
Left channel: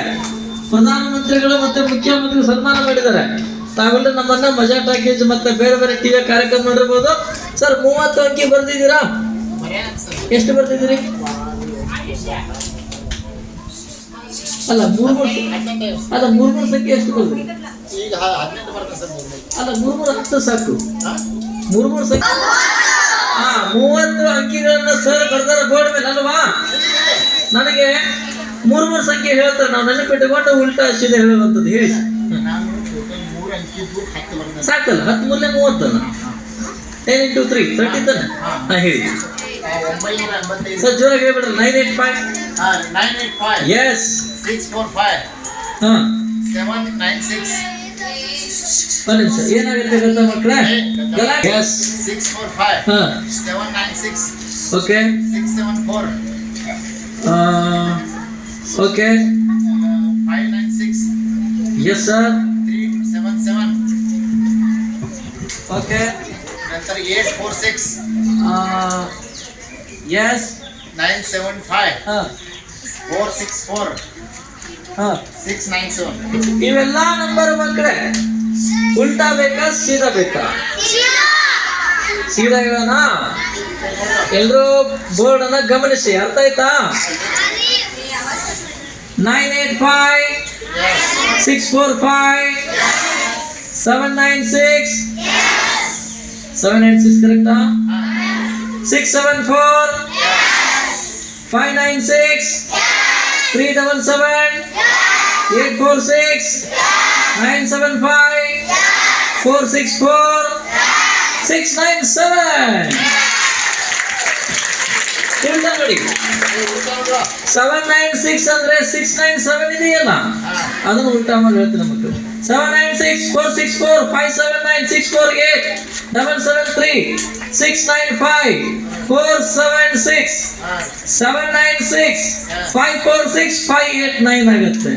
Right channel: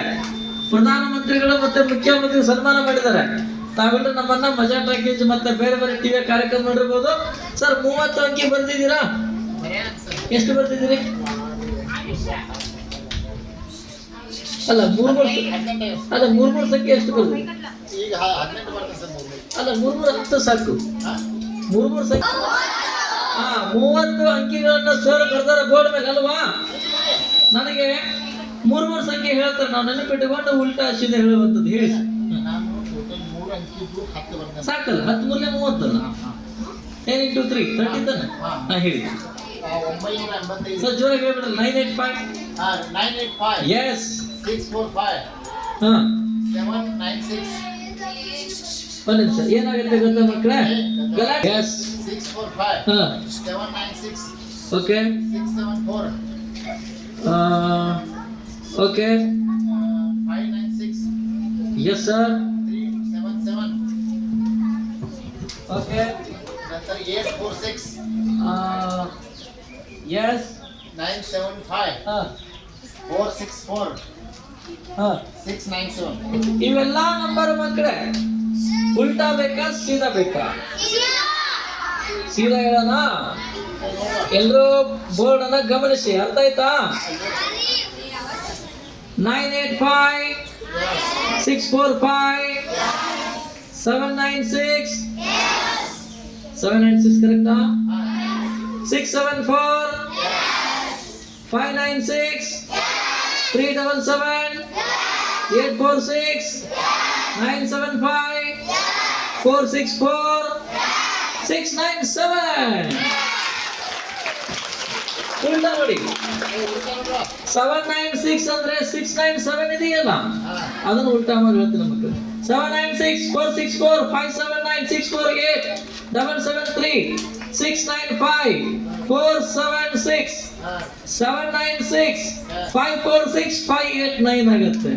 ಪ್ರಧಾನಮಂತ್ರಿಗಳು ಮತ್ತೆ ಮುಖ್ಯಮಂತ್ರಿ ಸನ್ಮಾನ ಮಾಡಿದ್ದಾರೆ. ತಾವೆಲ್ಲ ನಮ್ಮನ್ನ ಮಜಾ ಟಾಕೀಸ್ ಮತ್ತೆ ಬೇರೆ ಬೇರೆ ಟಿವಿ ಕಾರ್ಯಕ್ರಮ ಮಾಡಿರ್ಬೋದು. ಸರ್ 30 ಅಂಕಿ ಬರ್ದಿದ್ದೀರಾ? ಎಷ್ಟು ಬರ್ದಿದ್ದೀರಿ? ಅಲ್ಲ, ಮೂರ್ ಸಂಖ್ಯೆ ಎಷ್ಟು ಬರ್ತೀರಿ? ಈಗ ಈಗ 18 ಬರ್ತದೆ ಸರ್ 3 ಅಲ್ಲ 3 10 ಸಾಕು. ಹಾಂ 3 ಸಂಖ್ಯೆ 30 ಅಂಕಿಗಳನ್ನ ಸರ್ ಬರ್ದಾರ ಬೋರ್ಡ್ ಮೇಲೆ ಅಲ್ವಾ? ನನಗೆ 3 ಸಂಖ್ಯೆ ಹೇಳ್ತಾರೆ, ನಾವು ನೆನಪಿಟ್ಟುಕೊಂಡು ಉಲ್ಟಾ ಸೀದಾ ಹೇಳುವಂಥದ್ದು. ಹೇಳಿ ನಾನು ಟೋಟಲ್ 3 ಅಂಕಿದ್ದು 10 ಬರ್ತದೆ ಸಾಕಲ್ಲ, 10 ಮೂರನೇ 30 ಅಲ್ಲ, 10 into 3 30 ತಾನೆ? ಹಾಂ ಹೇಳಿ 985 ಸರ್, ಜೋರಾಗಿ ಹೇಳ್ಬಿಡ್ರಿ. 985 985 ಎಸ್ 645 ಹಾಂ 796 ಒಂದು ನಿಮಿಷ. ಏನಾಗುತ್ತೆ ಗೊತ್ತಾ ಮಕ್ಕಳೇ? ಎಸ್ 645 ಹಾಂ 796 okay 674 okay 596 yes sir 377 okay ನಂತರ 846 ಎಸ್ 975 ಹಾಂ 464 ಹಾಂ 697 ಇವೆಲ್ಲ ನಂಬರ್ ಮಕ್ಕಳೇ ಉಲ್ಟಾ ಬೇಕಾ ಸೀದಾ ಬೇಕಾ? ಸೀದಾ ಹೇಳೋಣ. ಎಲ್ಲರೂ ಬೋರ್ಡ್ ಅನ್ನ ಗಮನಿಸಿ, ಅರ್ಥ ಆಯ್ತಾ? 985 645 796 796 ಕರೆಕ್ಟಾ? 674 596 377 846 975 464 697 ಉಲ್ಟಾ ನೋಡಿ. 796 ಅಂದ್ರೆ 697 ಇದೆಯಲ್ಲ, ಅದನ್ನು ಉಲ್ಟಾ ಮಾಡಿ ಹೇಳ್ತೀನಿ ಮಕ್ಕಳು. 796 464 579 648 773 695 476 796 546 589 ಆಗುತ್ತೆ.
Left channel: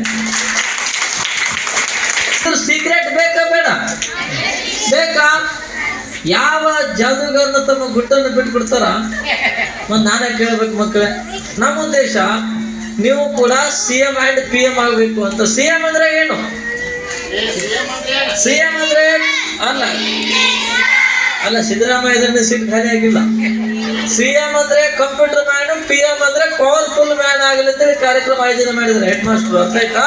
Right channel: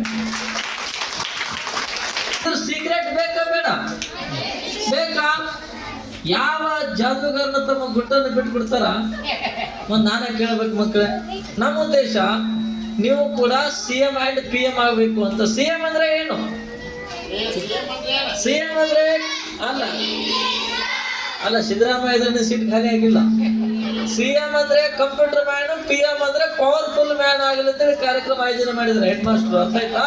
ಸೀಕ್ರೆಟ್ ಬೇಕಾ ಬೇಡ? ಬೇಕಾ? ಯಾವ ಜಾದೂಗಾರನ ತಮ್ಮ ಗುಟ್ಟನ್ನು ಬಿಟ್ಬಿಡ್ತಾರ? ಮತ್ತೆ ನಾನೇ ಕೇಳ್ಬೇಕು ಮಕ್ಕಳೇ. ನಮ್ಮ ಉದ್ದೇಶ ನೀವು ಕೂಡ CM ಅಂಡ್ PM ಆಗಬೇಕು ಅಂತ. CM ಅಂದ್ರೆ ಏನು? CM ಅಂದ್ರೆ ಅಲ್ಲ ಸಿದ್ದರಾಮಯ್ಯ ಸೀಟ್ ಖಾಲಿ ಆಗಿಲ್ಲ. CM ಅಂದ್ರೆ ಕಂಪ್ಯೂಟರ್ ಮ್ಯಾನ್, PM ಅಂದ್ರೆ ಪವರ್ಫುಲ್ ಮ್ಯಾನ್ ಆಗಲಿ ಅಂತೇಳಿ ಕಾರ್ಯಕ್ರಮ ಆಯೋಜನೆ ಮಾಡಿದ್ದಾರೆ ಹೆಡ್ ಮಾಸ್ಟರ್. ಅರ್ಥ ಆಯ್ತಾ?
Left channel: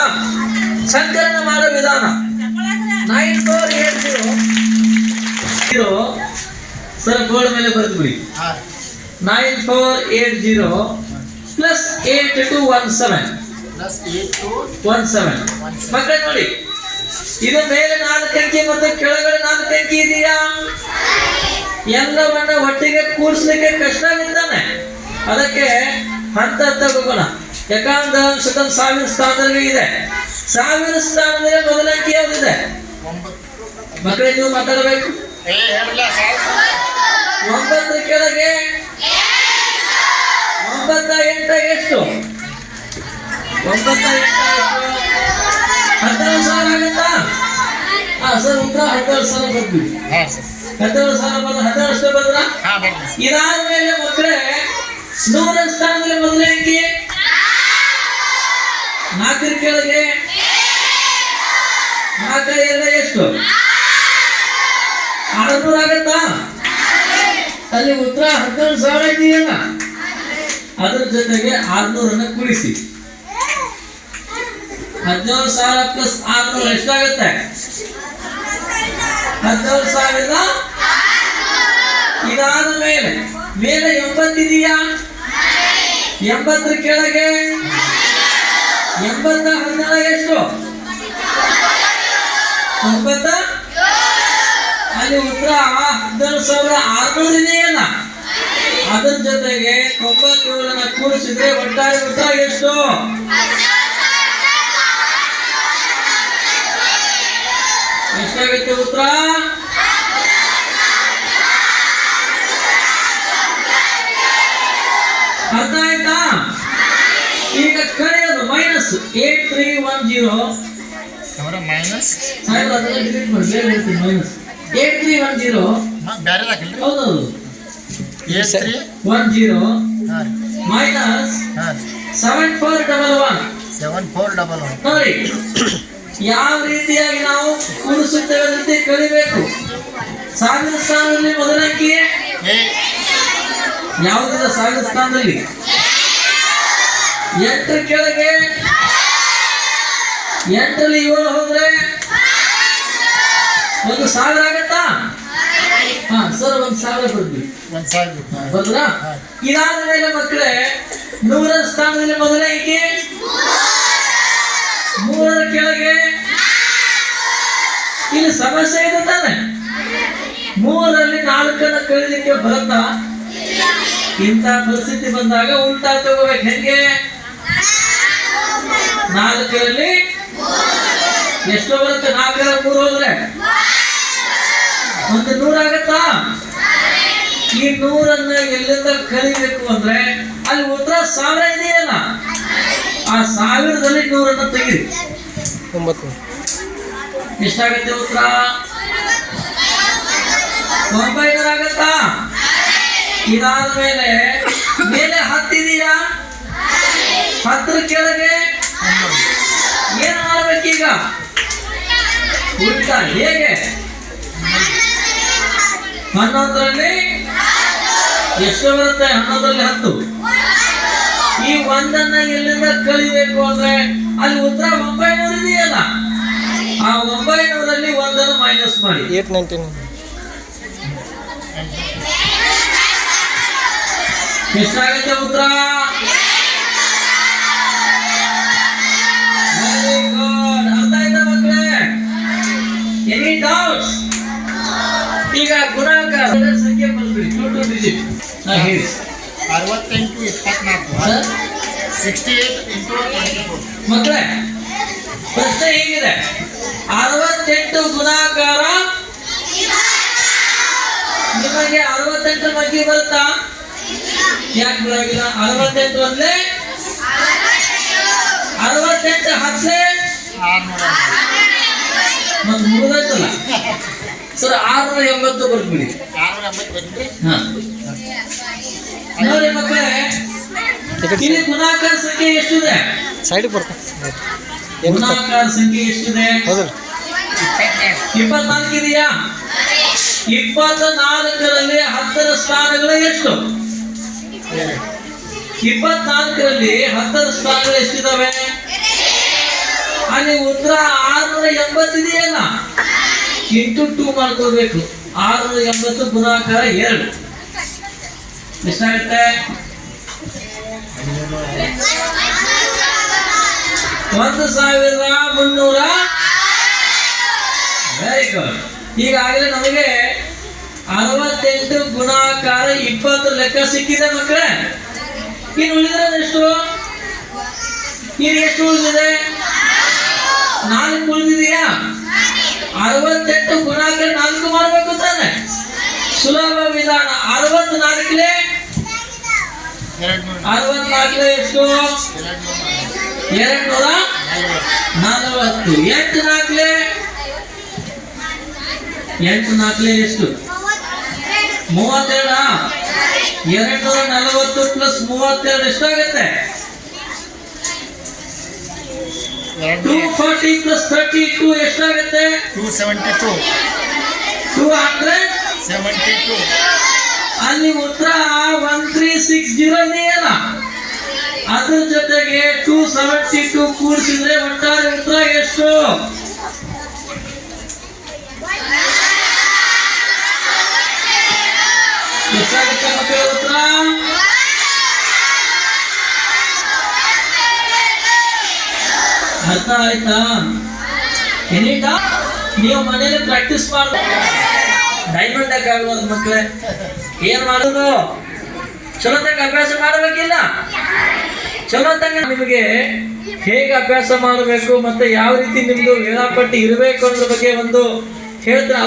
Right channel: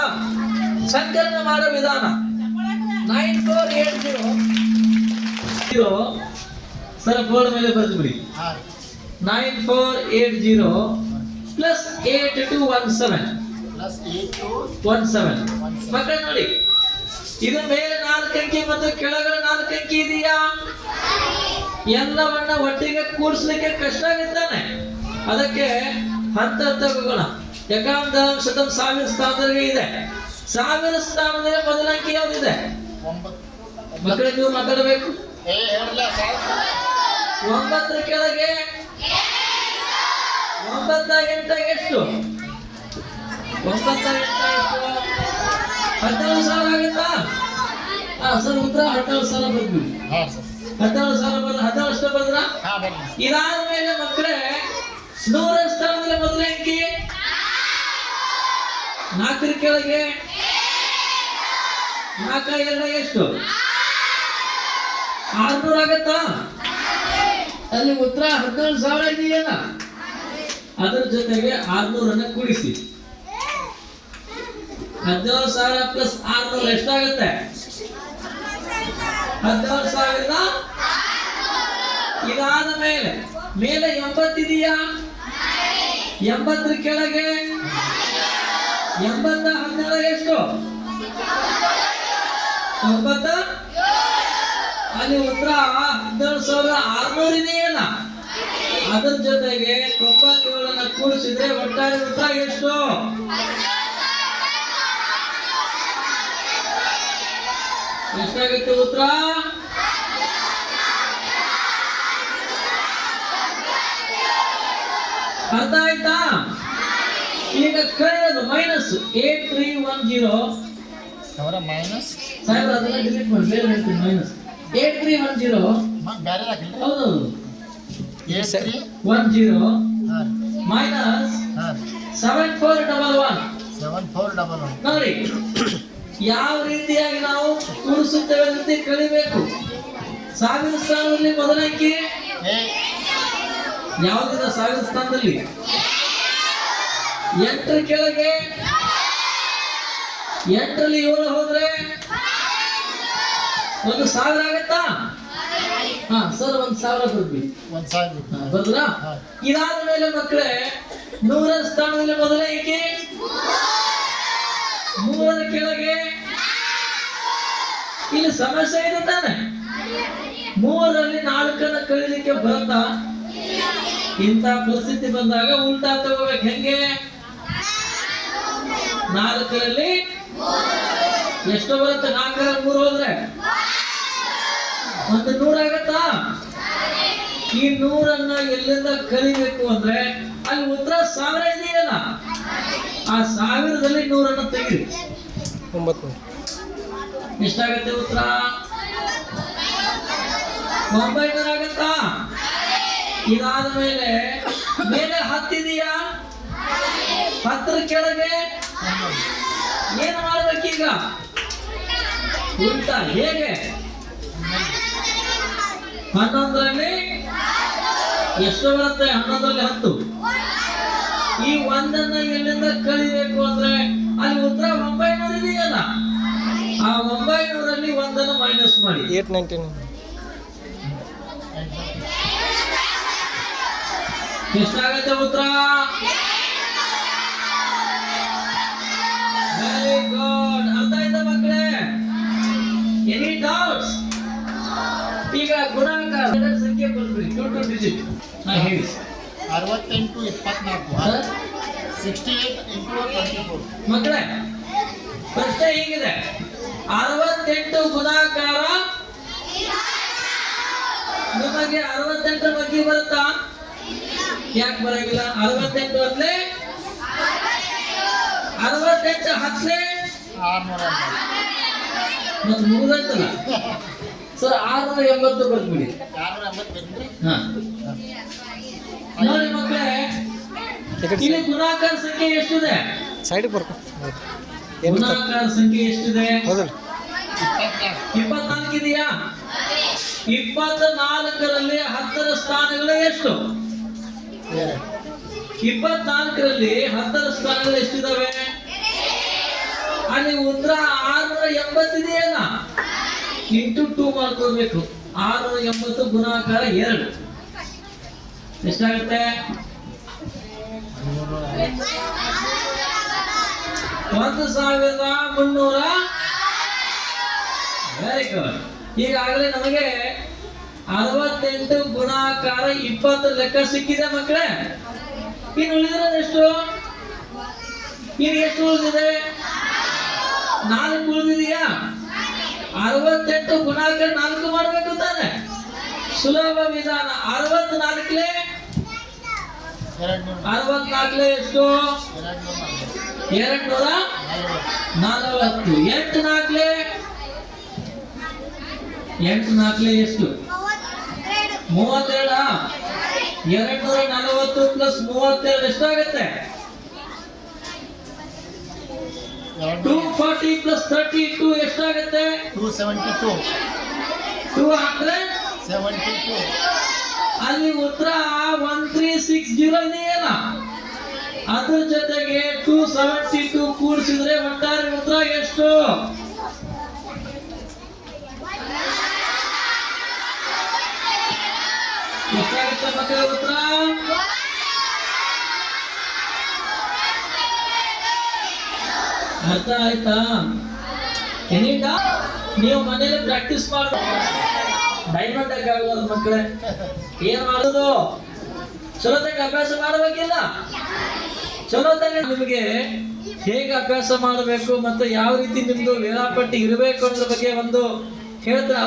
ಸಂಕಲನ ಮಾಡೋ ವಿಧಾನ 9480 ಸರ್ ಬೋರ್ಡ್ ಮೇಲೆ ಬರೆದು ಬಿಡಿ. 9480 ಪ್ಲಸ್ 8217 ಪ್ಲಸ್ 8217 ಮಕ್ಕಳೇ ನೋಡಿ, ಇದು ಮೇಲೆ 4 ಅಂಕಿ ಮತ್ತು ಕೆಳಗಡೆ 4 ಅಂಕಿ ಇದೆಯಾ? ಎಲ್ಲವನ್ನ ಒಟ್ಟಿಗೆ ಕೂಡಿಸ್ಲಿಕ್ಕೆ ಕಷ್ಟ ಆಗುತ್ತಾನೆ. ಅದಕ್ಕೆ ಹಂತ ಹಂತ ಹೋಗೋಣ. ಏಕಾಂತ ಶತಂ 1000 ಸ್ಥಾನದಲ್ಲಿ ಇದೆ. 1000 ಸ್ಥಾನದಲ್ಲಿ ಮೊದಲ ಅಂಕಿ ಯಾವ್ದಿದೆ ಮಕ್ಕಳೇ? ನೀವು ಮಾತಾಡಬೇಕು. 9 ಕೆಳಗೆ 9 8 ಎಷ್ಟು? 9 8 17,000 ಆಗುತ್ತಾ? ಸರ್ ಉತ್ತರ 17,000 ಬರ್ತೀವಿ. 17,000 ಬಂದ್ರೆ 17 ಬಂದ್ರ? ಇದಾದ ಮೇಲೆ ಮಕ್ಕಳೇ 100 ಸ್ಥಾನದಲ್ಲಿ ಮೊದಲ ಅಂಕಿ 4 ಕೆಳಗೆ 4 2 ಎಷ್ಟು? 600 ಆಗತ್ತಾ? ಅಲ್ಲಿ ಉತ್ತರ 17,000 ಇದೆಯಲ್ಲ, ಅದ್ರ ಜೊತೆಗೆ 600 ಕೂಡಿಸಿ. 17,000 ಪ್ಲಸ್ 600 ಎಷ್ಟಾಗುತ್ತೆ? 17,000. ಇದಾದ ಮೇಲೆ 80 ಇದೆಯಾ? 80 ಕೆಳಗೆ 80 17 ಎಷ್ಟು? 90. ಅಲ್ಲಿ ಉತ್ತರ 17,600 ಇದೆಯಲ್ಲ, ಅದ್ರ ಜೊತೆಗೆ 97 ಕೂಡಿಸಿದ್ರೆ ಒಟ್ಟಾರೆ ಉತ್ತರ ಎಷ್ಟು? ಎಷ್ಟಾಗುತ್ತೆ ಉತ್ತರ? ಅರ್ಥ ಆಯ್ತಾ? ಈಗ ಕಳೆಯೋದು ಮೈನಸ್ 8310 ಮೈನಸ್ ಮೈನಸ್ 8310 ಬೇರೆ ಹಾಕಿಲ್ರಿ. ಹೌದೌದು 8310 ಮೈನಸ್ 7411 7411 ನೋಡಿ ಯಾವ ರೀತಿಯಾಗಿ ನಾವು ಕೂಡಿಸುತ್ತೇವೆ ಅಂತ ಕಲಿಬೇಕು. 1000 ಸ್ಥಾನದಲ್ಲಿ ಮೊದಲ ಅಂಕಿ ಯಾವುದಿಲ್ಲ? 1000 ಸ್ಥಾನದಲ್ಲಿ 8 ಕೆಳಗೆ 8ರಲ್ಲಿ 7 ಹೋದ್ರೆ 1,000 ಆಗತ್ತಾ? ಹಾ ಸರ್ 1,000 ಬರ್ತೀವಿ. ಒಂದ್ ಸಾವಿರ ಬರುದಾ? ಇದಾದ ಮೇಲೆ ಮಕ್ಕಳೇ 100ರ ಸ್ಥಾನದಲ್ಲಿ ಮೊದಲೇ ಏಕೆ 3ರ ಕೆಳಗೆ ಇಲ್ಲಿ ಸಮಸ್ಯೆ ಇದೆ ತಾನೆ. 3ರಲ್ಲಿ 4ನ್ನು ಕಳೀಲಿಕ್ಕೆ ಬರುತ್ತಾ? ಇಂಥ ಪರಿಸ್ಥಿತಿ ಬಂದಾಗ ಉಲ್ಟಾ ತಗೋಬೇಕು. ಹೆಂಗೆ? 4ರಲ್ಲಿ ಎಷ್ಟೋ ಬರುತ್ತೆ? 4ರ 3 ಹೋದ್ರೆ ಮತ್ತೆ 100 ಆಗತ್ತಾ? ಈ 100ಅನ್ನ ಎಲ್ಲಿಂದ ಕಲಿಬೇಕು ಅಂದ್ರೆ ಅಲ್ಲಿ ಉತ್ತರ 1000 ಇದೆಯಲ್ಲ, ಆ 1000ದಲ್ಲಿ 100ಅನ್ನ ತೆಗಿರಿ. 9 ಎಷ್ಟಾಗತ್ತೆ ಉತ್ತರ? 900 ಆಗತ್ತಾ? ಇದಾದ ಮೇಲೆ 10 ಇದೆಯಾ? 10ರ ಕೆಳಗೆ ಏನು ಮಾಡ್ಬೇಕೀಗ? ಉಲ್ಟಾ. ಹೇಗೆ? 11ರಲ್ಲಿ ಎಷ್ಟು ಬರುತ್ತೆ? 11ರಲ್ಲಿ 10. ಈ 1ಅನ್ನ ಎಲ್ಲಿಂದ ಕಳಿಬೇಕು ಅಂದ್ರೆ ಅಲ್ಲಿ ಉತ್ತರ 900 ಇದೆಯಲ್ಲ, ಆ 900ರಲ್ಲಿ 1ಅನ್ನು ಮೈನಸ್ ಮಾಡಿ. 899 ಎಷ್ಟಾಗುತ್ತೆ ಉತ್ತರ? Very good. ಅರ್ಥ ಆಯ್ತಾ ಮಕ್ಕಳೇ? Any doubts? ಈಗ ಗುಣಾಕಾರ ಸಂಖ್ಯೆ ಬಂದ್ಬಿಡಿ, 2 ಡಿಜಿಟ್. ಹೇಳಿ 68 24 ಸರ್. 68 into 24. ಮಕ್ಕಳೇ ಪ್ರಶ್ನೆ ಹೇಗಿದೆ? 68 ಗುಣಾಕಾರ ನಿಮಗೆ 68 ಬಗ್ಗೆ ಬರುತ್ತಾ? ಯಾಕೆ ಬರೋದಿಲ್ಲ? 68 ಒಂದ್ಲೆ 68 ಹತ್ತಲೆ 600 ಮತ್ತೆ ಮುಗಿದಲ್ಲ ಸರ್. 680 ಬರ್ಬಿಡಿ. 680 ಬಂದ್ರಿ. ಹಾ ನೋಡಿ ಮಕ್ಕಳೇ, ಇಲ್ಲಿ ಗುಣಾಕಾರ ಸಂಖ್ಯೆ ಎಷ್ಟಿದೆ? ಸೈಡಿಗೆ ಬರ್ತದೆ. ಗುಣಾಕಾರ ಸಂಖ್ಯೆ ಎಷ್ಟಿದೆ? ಹೌದಲ್ಲ? 24 ಇದೆಯಾ? 24ರಲ್ಲಿ 10ರ ಸ್ಥಾನಗಳು ಎಷ್ಟು? 24ರಲ್ಲಿ 10ರ ಸ್ಥಾನಗಳು ಎಷ್ಟಿದಾವೆ? ಅಲ್ಲಿ ಉತ್ತರ 680 ಇದೆಯಲ್ಲ, ಇಂಟು 2 ಮಾಡ್ಕೋಬೇಕು. 680 ಗುಣಾಕಾರ 2 ಎಷ್ಟಾಗುತ್ತೆ? 1,300. Very good. ಈಗಾಗಲೇ ನಮಗೆ 68 ಗುಣಾಕಾರ 20 ಲೆಕ್ಕ ಸಿಕ್ಕಿದೆ ಮಕ್ಕಳೇ. ಇನ್ನು ಉಳಿದಿರೋದು ಎಷ್ಟು? ಇನ್ನು ಎಷ್ಟು ಉಳಿದಿದೆ? 4 ಉಳಿದಿದೆಯಾ? 68 ಗುಣಾಕಾರ 4 ಮಾಡಬೇಕು ತಾನೆ. ಸುಲಭ ವಿಧಾನ. 64ಲೆ 64ಲೆ ಎಷ್ಟು? 240. 8 4ಲೆ 8 4ಲೆ ಎಷ್ಟು? 32. 240 ಪ್ಲಸ್ 32 ಎಷ್ಟಾಗುತ್ತೆ? 240 ಪ್ಲಸ್ 32 ಎಷ್ಟಾಗುತ್ತೆ? 272. 272. 72. ಅಲ್ಲಿ ಉತ್ತರ 1360 ಇದೆಯಲ್ಲ, ಅದ್ರ ಜೊತೆಗೆ 272 ಕೂಡಿಸಿದ್ರೆ ಒಟ್ಟಾರೆ ಉತ್ತರ ಎಷ್ಟು? ಎಷ್ಟಾಗುತ್ತೆ ಮಕ್ಕಳ ಉತ್ತರ? ಅರ್ಥ ಆಯ್ತಾ? ಏನಿಲ್ಲ, ನೀವು ಮನೇಲಿ ಪ್ರಾಕ್ಟೀಸ್ ಮಾಡ್ಬೋದು. ಡೈಮಂಡ್ ಆಗ್ಬೋದು ಮಕ್ಕಳೇ. ಏನ್ ಮಾಡೋದು? ಚಲೋತ್ತಾಗ ಅಭ್ಯಾಸ ಮಾಡಬೇಕಿಲ್ಲ? ಚಲೋತ್ತಾಗ ನಿಮಗೆ ಹೇಗೆ ಅಭ್ಯಾಸ ಮಾಡಬೇಕು ಮತ್ತೆ ಯಾವ ರೀತಿ ನಿಮ್ದು ವೇಳಾಪಟ್ಟಿ ಇರಬೇಕು ಅನ್ನೋದ್ರ ಬಗ್ಗೆ ಒಂದು ಹೇಳ್ತಾರೆ.